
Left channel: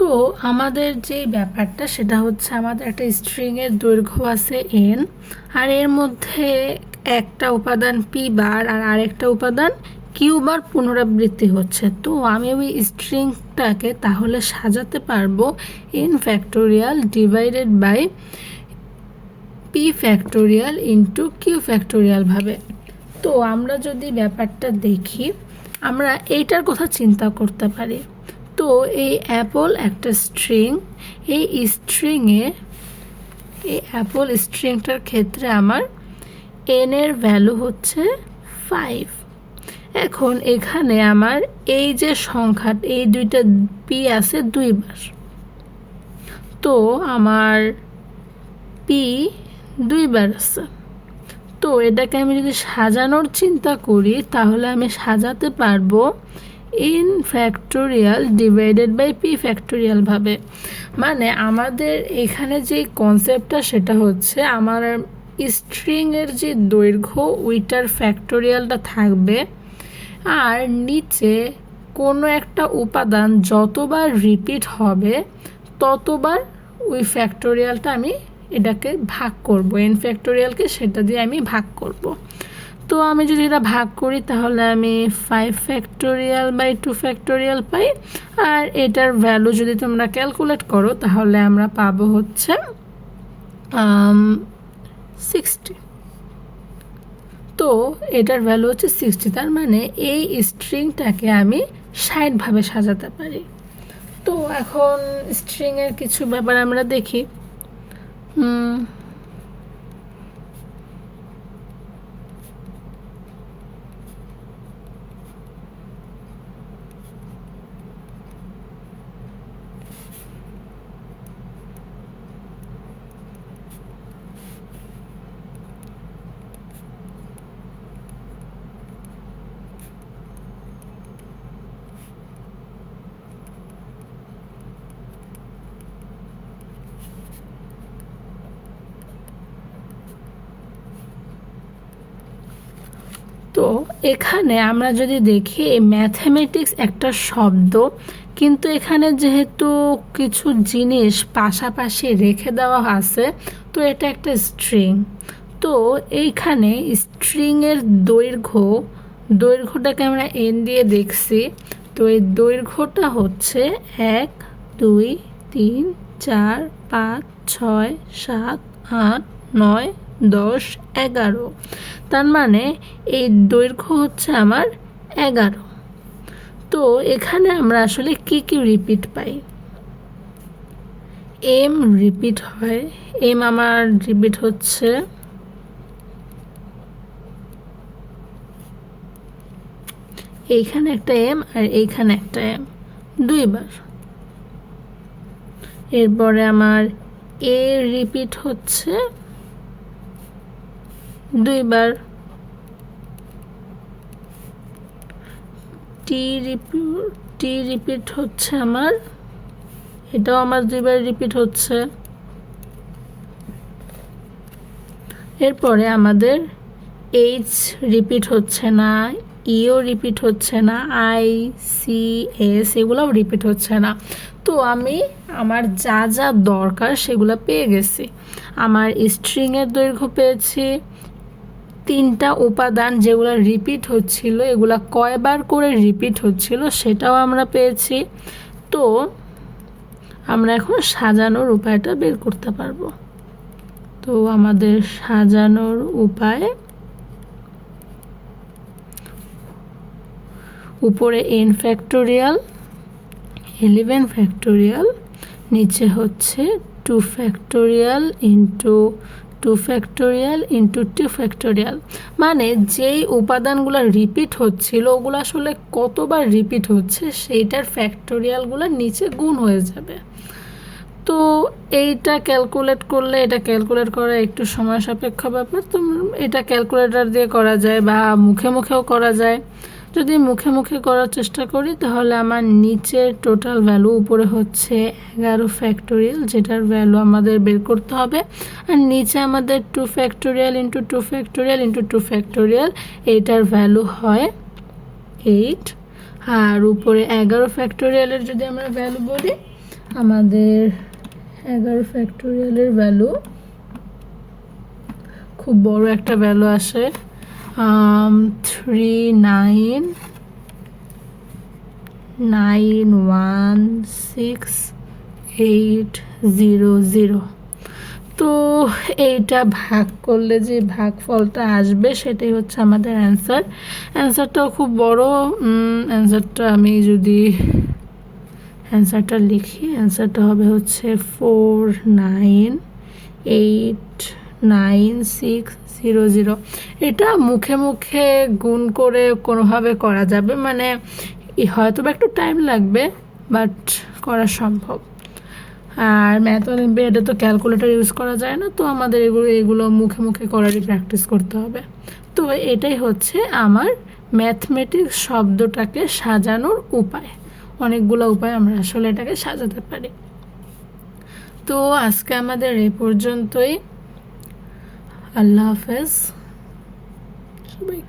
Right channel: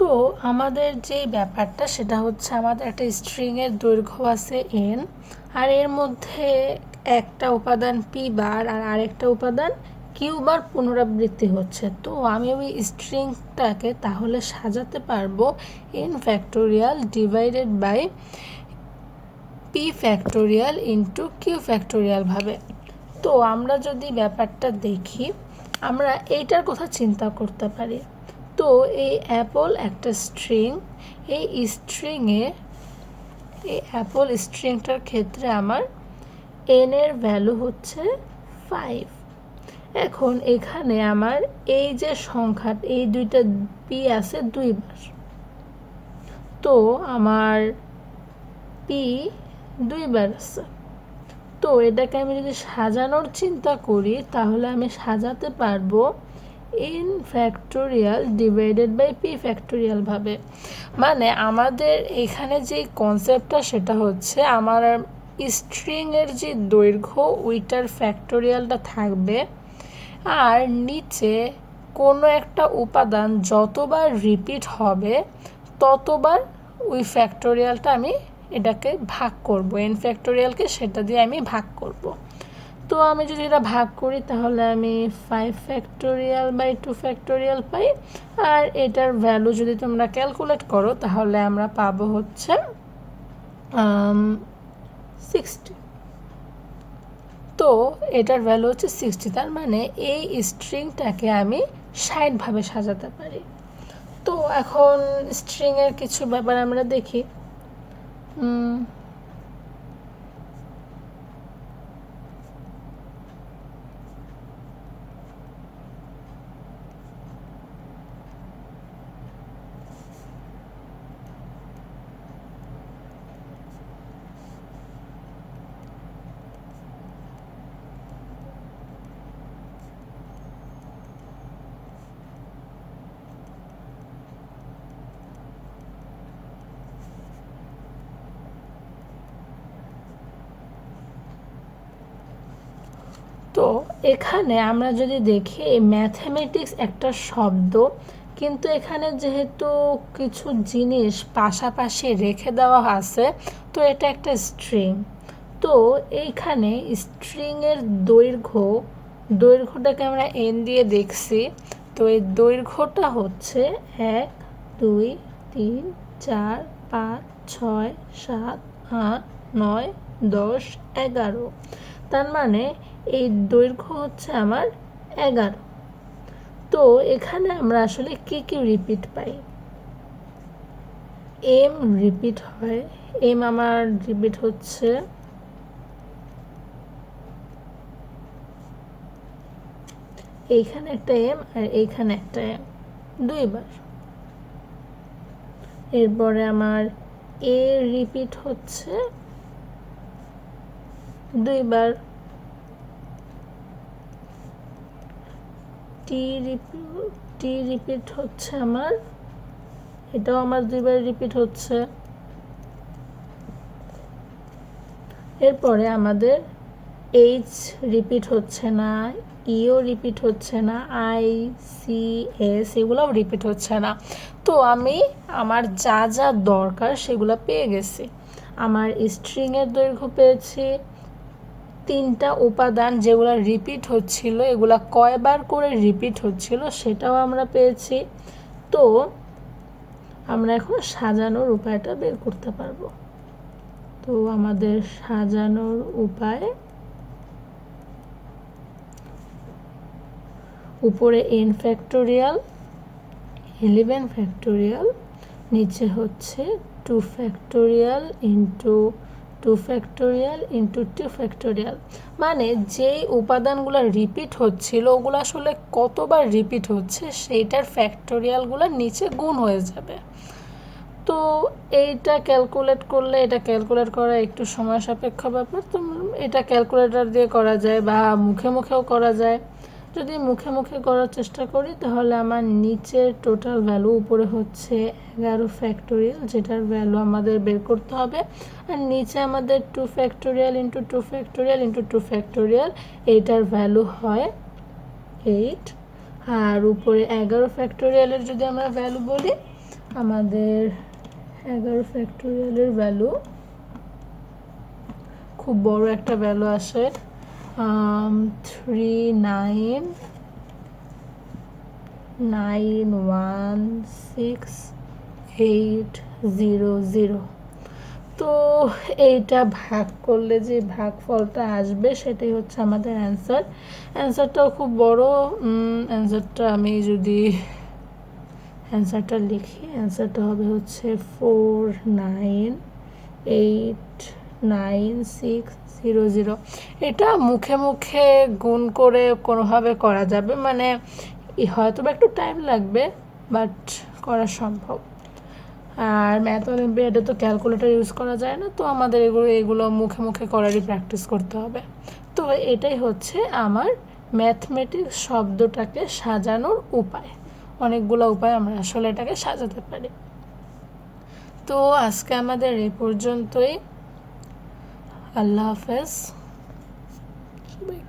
তো আমাদের যে ব্যাপারটা সেটা হচ্ছে আমাদের একটা স্ট্রিংয়ের দৈর্ঘ্য আছে n, আর এর মধ্যে একটা উপাদান p বার আর আরেকটা উপাদান q বার পুনরাবৃত্তি হচ্ছে। তো আমি ওই স্ট্রিংটাকে তাহলে সাজাতে পারবো n factorial divided by p factorial into q factorial ভাবে। তো আমরা যদি ব্যাপারটা দেখি, আমরা এইটার কথা চিন্তা করতে পারি। তো এই অ্যাপল একটা স্ট্রিং, এই স্ট্রিংয়ে এই অ্যাপল স্ট্রিংটার ক্ষেত্রে আমার n এর ভ্যালু হচ্ছে 5। এখন এখানে আমার এই যে সংখ্যা, এই দুইটা p আছে দুইবার, তো আমার p দুইবার আছে। তো এটাকে আমি যদি সাজানোর চিন্তা করি তাহলে আমি সাজাতে পারবো n factorial divided by p factorial ভাবে। মানে আমাদের এখানে যে কনসেপ্টটা সেটা হচ্ছে আমার স্ট্রিংয়ের যে দৈর্ঘ্য ওইটার ফ্যাক্টোরিয়ালটা থাকবে, আর নিচে কোনো একটা উপাদান যতবার রিপিট হবে ততবার ওই ফ্যাক্টোরিয়ালটা আমি এটাকে ভাগ করব, n ফ্যাক্টোরিয়ালকে সেটা দিয়ে আমি ভাগ করব। তো আমি যদি এটা ভাগ করি তাহলে আমি 5 ফ্যাক্টোরিয়াল বাই 2 ফ্যাক্টোরিয়াল পাই, আর এটার ভ্যালু যদি তোমরা ক্যালকুলেট করো তাহলে আমরা পাবো হচ্ছে 60। তো এটার ভ্যালু হচ্ছে 60, তার মানে এই স্ট্রিংটাকে আমি 60 ভাবে সাজাতে পারি। তো এখন স্ট্রিংয়ের কিছু ব্যাপার আমরা দেখি। তো এখানে আমরা যদি দেখি ম্যাথমেটিক্স একটা শব্দ, কিন্তু এখানে যেহেতু কিছু জিনিস পাশাপাশি রেখে দেওয়া আছে, তো এটা একটা স্ট্রিং। তো এইখানে স্ট্রিংয়ের দৈর্ঘ্যটাকে আমরা n দিয়ে দেখছি। তো এই দৈর্ঘ্যটা হচ্ছে 1 2 3 4 5 6 7 8 9 10 11। তার মানে এই দৈর্ঘ্য হচ্ছে আমার 11। তো এখানে আমরা আসলে কি কি রিপিট পাই? m রিপিট হয়, m আমার রিপিট হচ্ছে এইখানে একটা m আর এইখানে একটা m দুইবার। এরপরে আমার a রিপিট হচ্ছে দুইবার, টি রিপিট হচ্ছে আমার, এটাও আমার দুইবার রিপিট হচ্ছে। এরপরে আমাদের এইচ রিপিট হচ্ছে না, ইও রিপিট হচ্ছে না, আই সি এস এগুলোও রিপিট হচ্ছে না। তো আমি আমার যা যা দরকার সেগুলো পেয়ে গেছি। আমার স্ট্রিংয়ের দৈর্ঘ্য পেয়েছি, 3টা উপাদান যেগুলো রিপিট হচ্ছিল এগুলো কয়বার করে রিপিট হচ্ছিল সেটাও আমরা পেয়েছি। তো আমরা এখন সাজানোর উপায়টা বের করতে পারবো। তো আমাদের সাজানোর উপায়, উপরে n ফ্যাক্টোরিয়াল 11 ফ্যাক্টোরিয়াল, নিচে হচ্ছে 2 factorial into 2 factorial into 2 factorial. মানে যেই উপাদানগুলো রিপিট হচ্ছিল ওগুলো আসলে কতবার রিপিট হচ্ছে সেইটার ফ্যাক্টোরিয়ালগুলো নিচে গুণ হয়ে যাবে। তো এইটা ক্যালকুলেট করলে, এটা ক্যালকুলেট করা একটু সময় সাপেক্ষ ব্যাপার, তো এটা ক্যালকুলেটর দিয়ে করা যায় বা মুখে মুখেও করা যায়। যদি মুখে মুখে করার চেষ্টা করি তাহলে আমার নিচের টোটাল ভ্যালু, উপরে হচ্ছে 11 ফ্যাক্টোরিয়াল যেটার ভ্যালু আমাদের বের করতে হবে, আর নিচে আমাদের 2 factorial into 2 factorial into 2 factorial, এইটার ভ্যালু হয় 8। আর উপরে 11 ফ্যাক্টোরিয়ালের যদি আমরা ভ্যালু বলি, আমাদের 11 ফ্যাক্টোরিয়ালের ভ্যালু খুব বড় একটা ভ্যালু আসে 39916800। তো এইটা ভাগ করলে যে ভাগফলটা আসবে সেটাই হচ্ছে আমাদের অ্যান্সারটাও খুব বড়। অ্যান্সারটা আমি যদি অ্যান্সারটা লিখি, অ্যান্সারটা হবে হচ্ছে 498600। এটা মুখে মুখে গুণ করে কোনোভাবে করা যাবে, মানে হয়তো বা একটু টাইম লাগবে, বাট করা সম্ভব। আর ম্যাথ অলিম্পিয়াডে তো ক্যালকুলেটর ইউজ করা যায় না, তো আমাদের এগুলো মুখে মুখে করারই প্র্যাকটিস করতে হবে। তো এটাই হচ্ছে আমার ম্যাথমেটিক্স শব্দটাকে সাজানোর উপায়। অনেকগুলো উপায় আমরা আসলে এটাকে সাজাতে পারি। তো আজকে আমাদের এই পর্যন্তই। আল্লাহ হাফেজ সবাইকে।